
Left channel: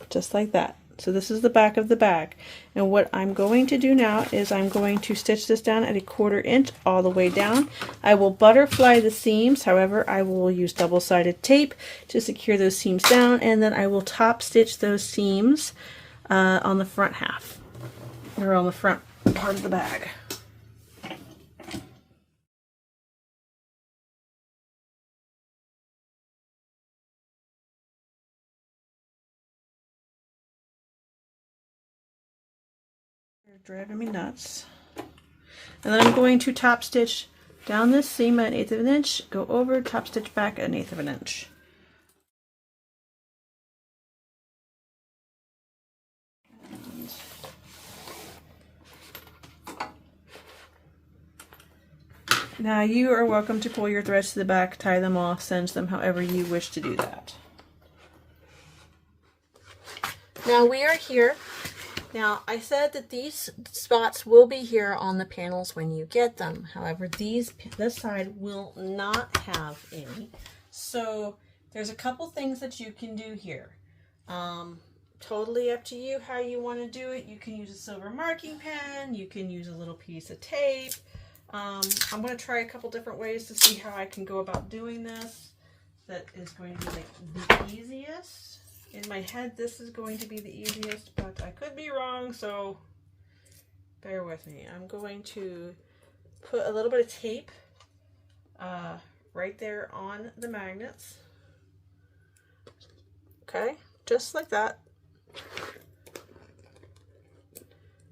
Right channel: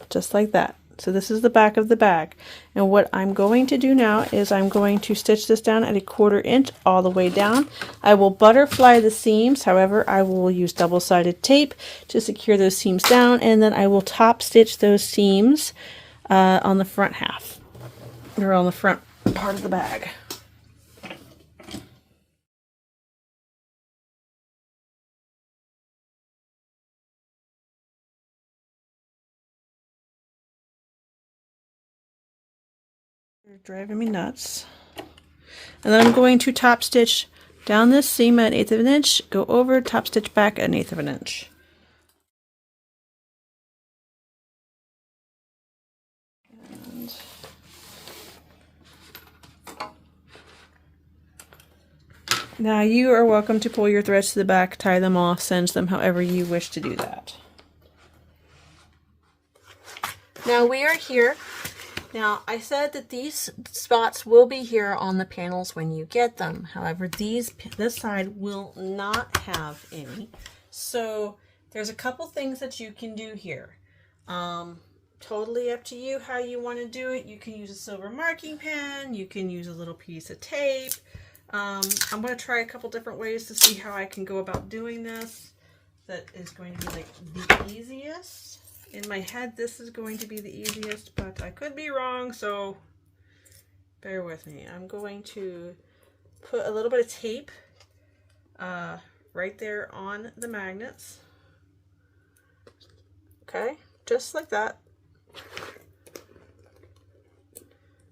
Just like that. So this is the back of the bag. And what I'm going to do now is I'm going to stitch this down at 1/4 inch all the way down. I will butterfly the seams, however, I will use double-sided tape to secure those seams down, and then I will top stitch those seams on the front half, or on the front part of the bag. You're driving me nuts. And then I'm going to top stitch down this seam at 1/8 of an inch, go over, top stitch back at 1/8 of an inch. Now you are welcome to pull your threads to the back, tie them off, cinch them, however you wish to do that. Now we are here. Now I said that these spots will be here on the panels when you get them. However, this side will not have any. So there's a couple things that you can do here. Totally up to you how you want to do it. You can use a silver marking pen. You can use a little piece of tape. I'm going to try a couple different ways to see how I can go about doing this. That is going to be like the easiest. In my head, this is going to be the easiest, but I could be wrong, so bear with me. I'm going to put a little bit of tape right there on the magnets. Okay, just like that.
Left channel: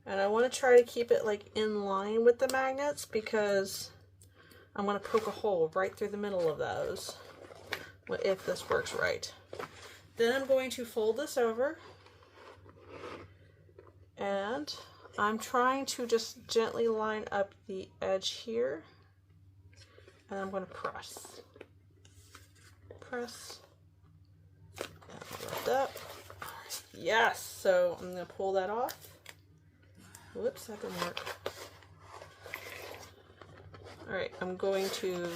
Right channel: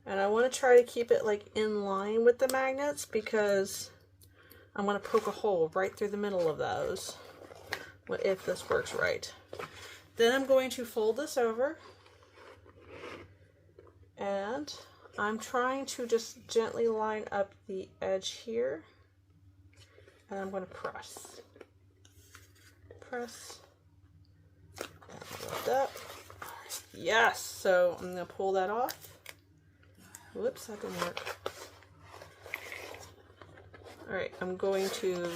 And I want to try to keep it like in line with the magnets because I'm going to poke a hole right through the middle of those, if this works right. Then I'm going to fold this over, and I'm trying to just gently line up the edge here, and I'm going to press. Press, and lift up. Yes, so I'm going to pull that off. Whoops, that didn't work. Alright, I'm going to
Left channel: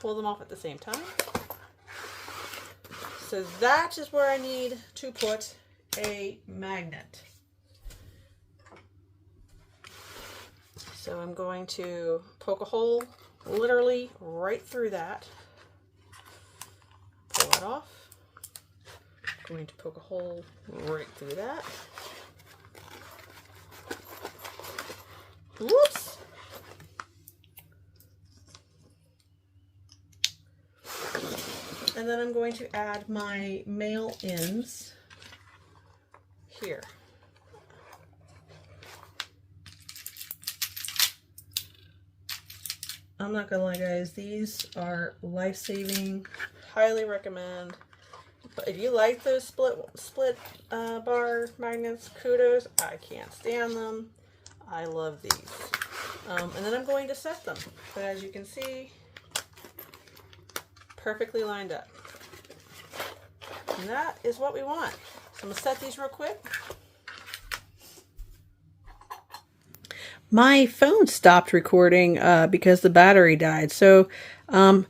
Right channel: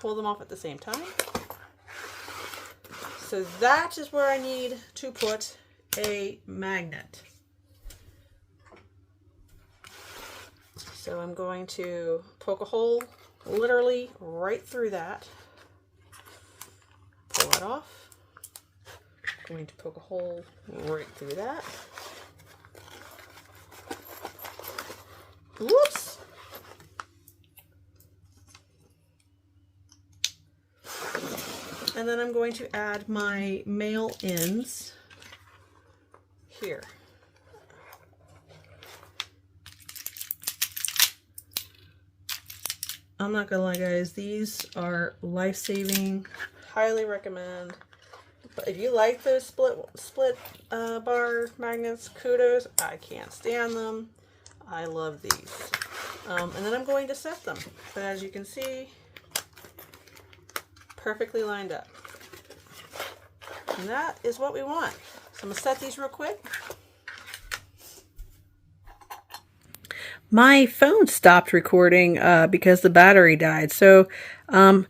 pull them off at the same time. So that is where I need to put a magnet. So I'm going to poke a hole literally right through that. Pull it off. I'm going to poke a hole right through that. Whoops! And then I'm going to add my male ends here. I'm not gonna lie, guys, these are life-saving. Highly recommend. But if you like those split bar magnets, kudos. I can't stand them. I love these. And then I'm going to set them. So as you can see, perfectly lined up. And that is what we want. So I'm going to set these real quick. My phone stopped recording because the battery died. So I'm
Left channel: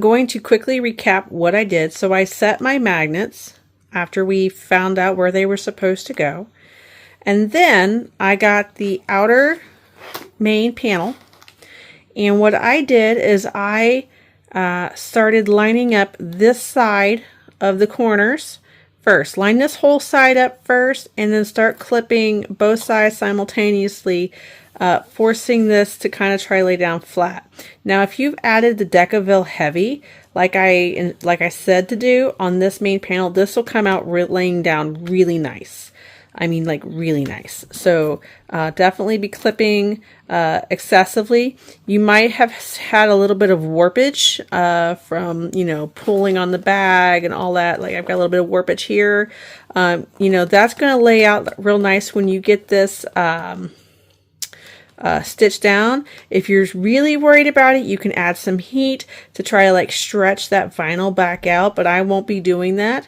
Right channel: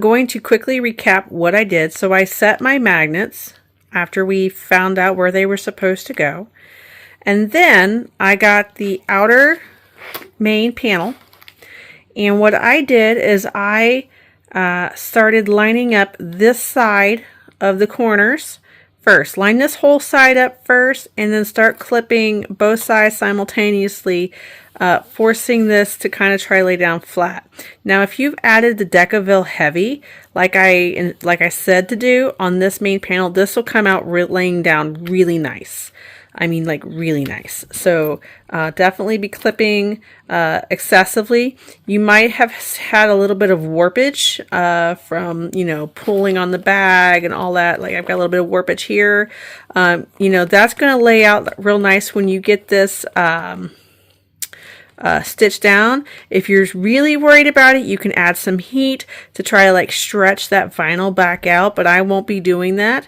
going to quickly recap what I did. So I set my magnets after we found out where they were supposed to go. And then I got the outer main panel. And what I did is I started lining up this side of the corners first. Line this whole side up first and then start clipping both sides simultaneously, forcing this to kind of try to lay down flat. Now if you've added the Decorative heavy, like I said to do on this main panel, this will come out laying down really nice. I mean, like really nice. So definitely be clipping excessively. You might have had a little bit of warpage from, you know, pulling on the bag and all that. Like I've got a little bit of warpage here. You know, that's going to lay out real nice when you get this stitched down. If you're really worried about it, you can add some heat to try to like stretch that vinyl back out, but I won't be doing that.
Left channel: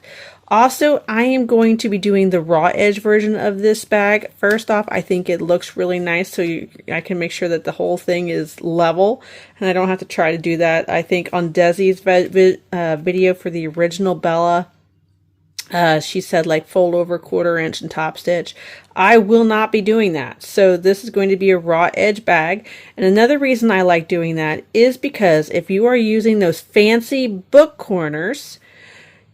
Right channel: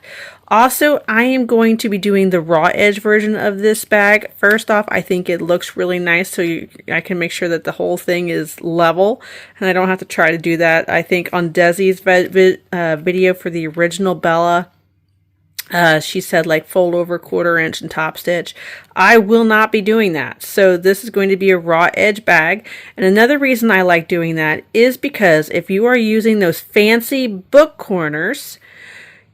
Also, I am going to be doing the raw edge version of this bag. First off, I think it looks really nice, so I can make sure that the whole thing is level, and I don't have to try to do that. I think on Desi's video for the original Bella, she said like fold over 1/4 inch and top stitch. I will not be doing that. So this is going to be a raw edge bag. And another reason I like doing that is because if you are using those fancy book corners,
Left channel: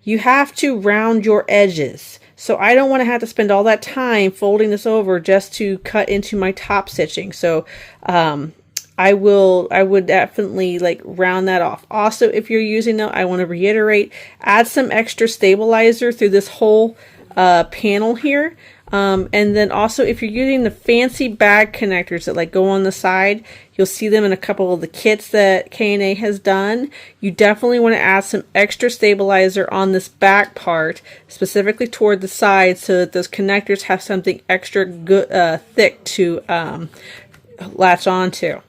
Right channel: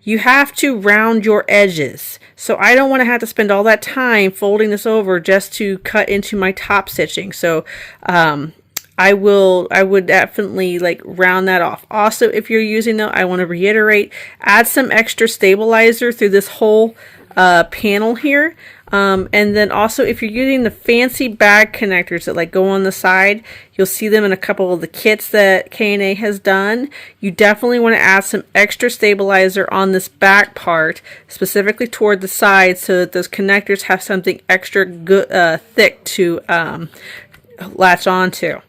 you have to round your edges. So I don't want to have to spend all that time folding this over just to cut into my top stitching. So I would definitely like round that off. Also, if you're using them, I want to reiterate, add some extra stabilizer through this whole panel here. And then also if you're using the fancy bag connectors that like go on the side, you'll see them in a couple of the kits that K&A has done. You definitely want to add some extra stabilizer on this back part, specifically toward the side, so that those connectors have something extra good, thick to latch onto.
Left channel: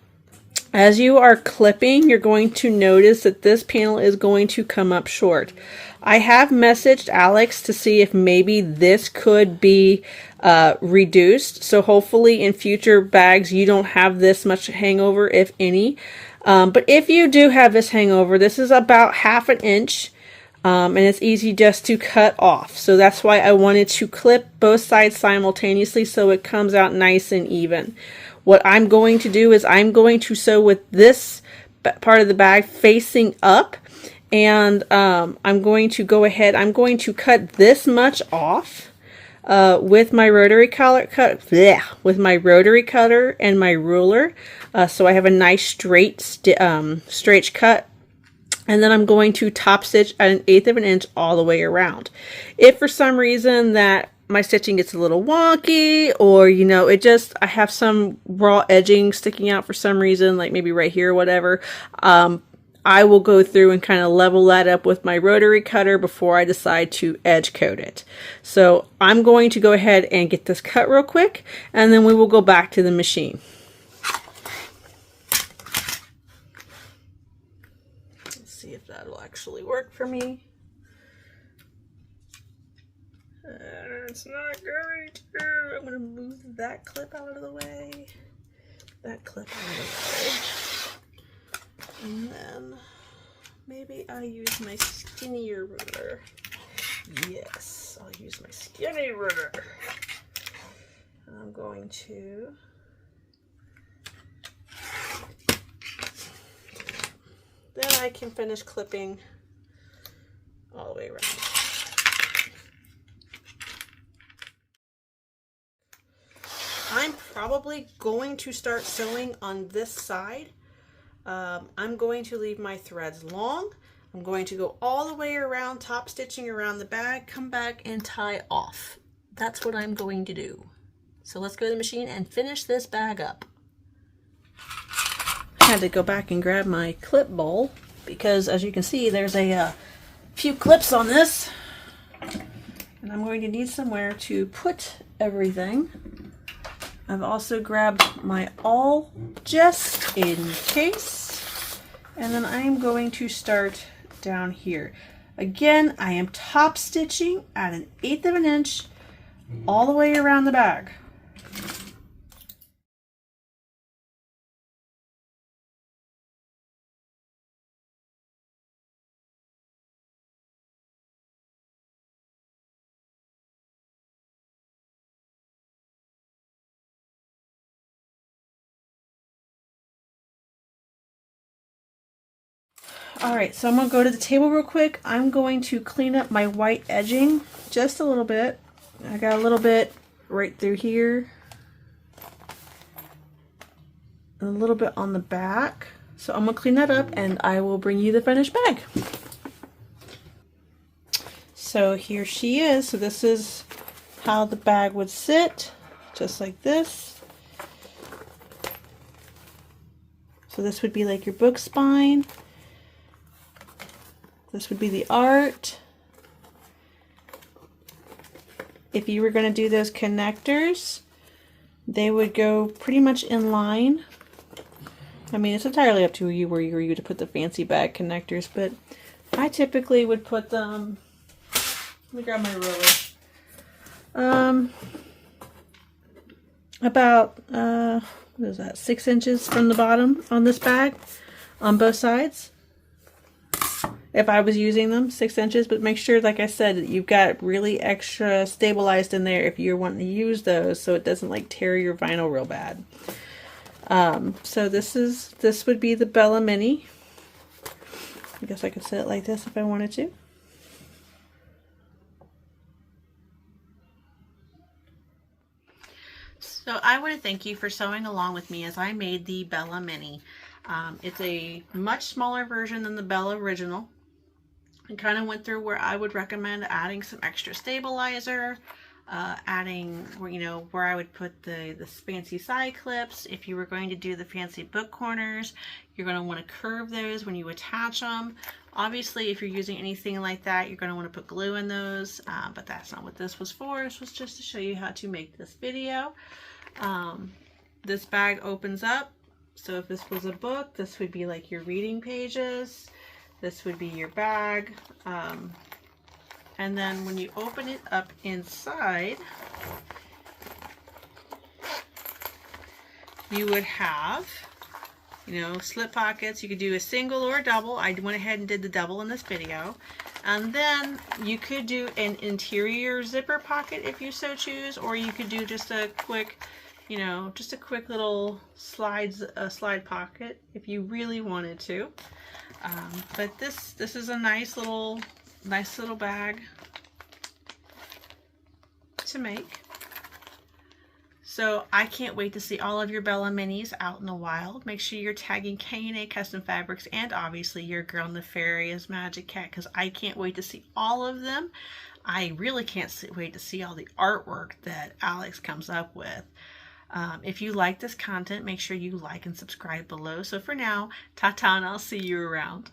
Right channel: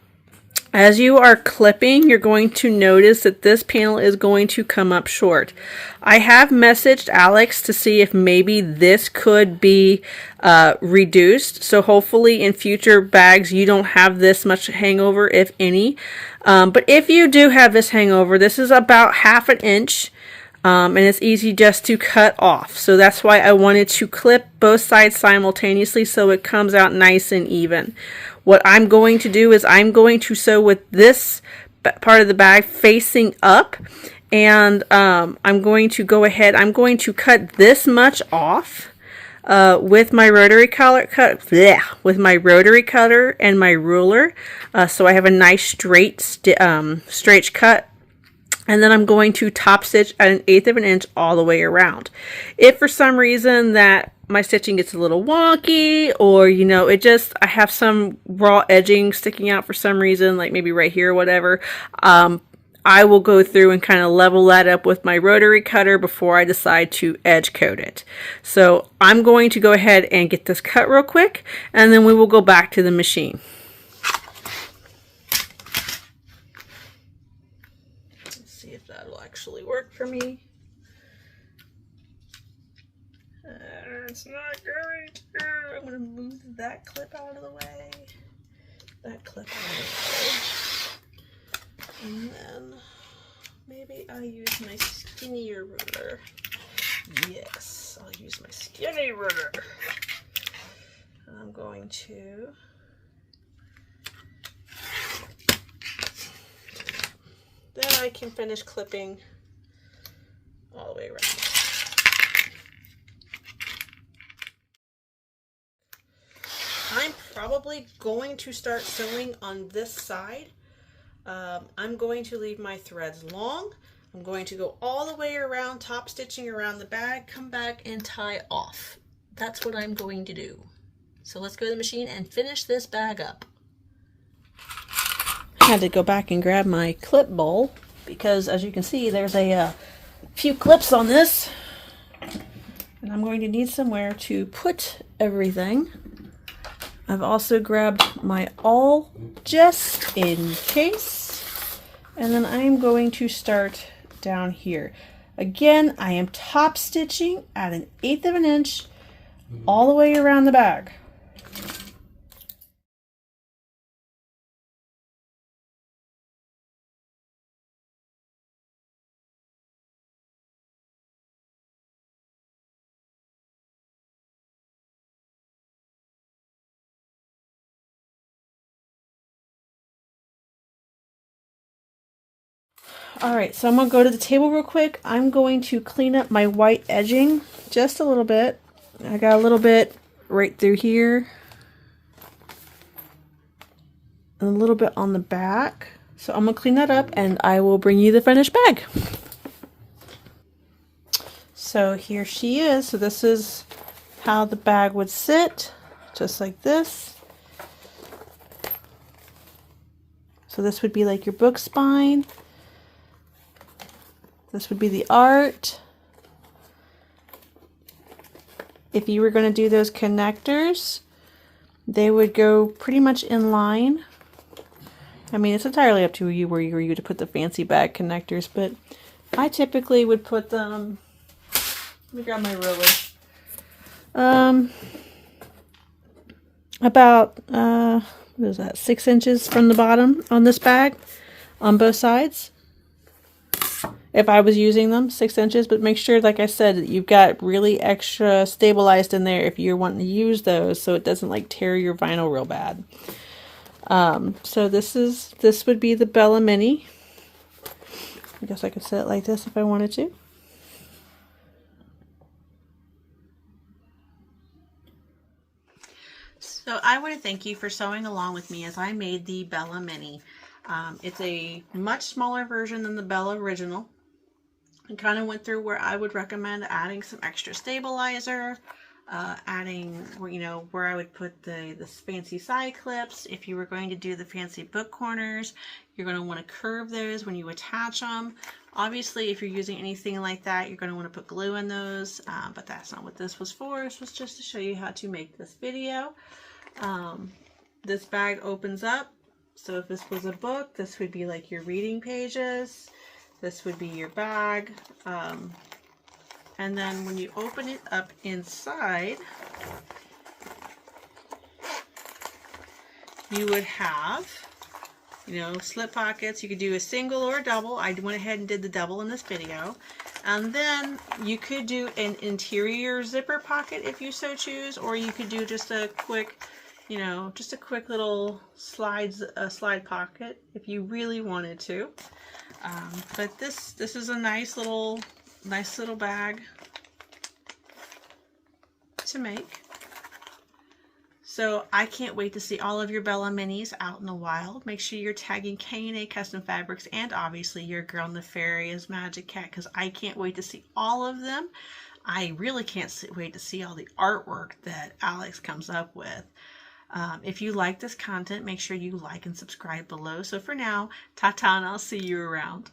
As you are clipping, you're going to notice that this panel is going to come up short. I have messaged Alex to see if maybe this could be reduced. So hopefully in future bags you don't have this much hangover, if any. But if you do have this hangover, this is about 1/2 inch. and it's easy just to cut off. So that's why I wanted to clip both sides simultaneously so it comes out nice and even. What I'm going to do is I'm going to sew with this part of the bag facing up, and I'm going to go ahead, I'm going to cut this much off with my rotary cutter and my ruler, so I have a nice straight cut. And then I'm going to top stitch at 1/8 of an inch all the way around. If for some reason that my stitching gets a little wonky, or you know, I have some raw edging sticking out for some reason, like maybe right here or whatever, I will go through and kind of level that up with my rotary cutter before I decide to edge coat it. So I'm going to go ahead and get this cut real quick, and then we will go back to the machine. Let's see if that'll actually work for me. It's not going to. I'm going to move that clip out of the way. That clip out of the way. And then maybe I'll use my skinnier ruler. Yes, I'll use my skinny ruler. I'm going to then I can finish clipping all the way around. I'm probably going to start sewing on this side. I'm going to leave my threads long. I'm going to go all the way around, top stitching around the bag, come back and tie off. That's what I'm going to do. So let's go to the machine and finish this bag up. I had to go back and grab my clip bowl because, as you can see, there's a few clips on this. And I'm going to need somewhere to put everything. I've also grabbed my awl just in case, and then I'm going to start down here. Again, I am top stitching at 1/8 of an inch all the way around the bag. Alright, so I'm going to go to the table real quick. I'm going to clean up my white edging just a little bit. I got a little bit right through here. And a little bit on the back. So I'm going to clean that up and I will bring you the finished bag. So here she is. So this is how the bag would sit. Just like this. So this would be like your book spine. This would be the art. If you were going to do those connectors, they would go pretty much in line. I mean, it's entirely up to you where you to put the fancy bag connectors, but I typically would put them, let me grab my ruler, about, what is that, 6 inches from the bottom on this bag, on both sides. If I was using them, 6 inches, but make sure, like I said, that you've got really extra stabilized in there if you're wanting to use those so it doesn't like tear your vinyl real bad. So this would be the Bella Mini. I guess I could set it like this if I wanted to. So I want to thank you for sewing along with me as I made the Bella Mini. It's a much smaller version than the Bella original. I kind of went through where I would recommend adding some extra stabilizer, adding, you know, where I would put the fancy side clips. If you were going to do the fancy book corners, you're going to want to curve those when you attach them. Obviously, if you're using anything like that, you're going to want to put glue in those, but that's not what this was for. This was just to show you how to make this video. This bag opens up. So if this was a book, this would be like your reading pages. This would be your bag. And then when you open it up inside, you would have you know, slip pockets. You could do a single or a double. I went ahead and did the double in this video. And then you could do an interior zipper pocket if you so choose, or you could do just a quick, you know, just a quick little slide pocket if you really wanted to. But this is a nice little bag to make. So I can't wait to see all of your Bella Minis out in the wild. Make sure you're tagging K&A Custom Fabrics and obviously your girl Nefarious Magic Cat, because I can't wait to see all of them. I really can't wait to see all the artwork that Alex comes up with. If you like this content, make sure you like and subscribe below. So for now, ta-ta, and I'll see you around.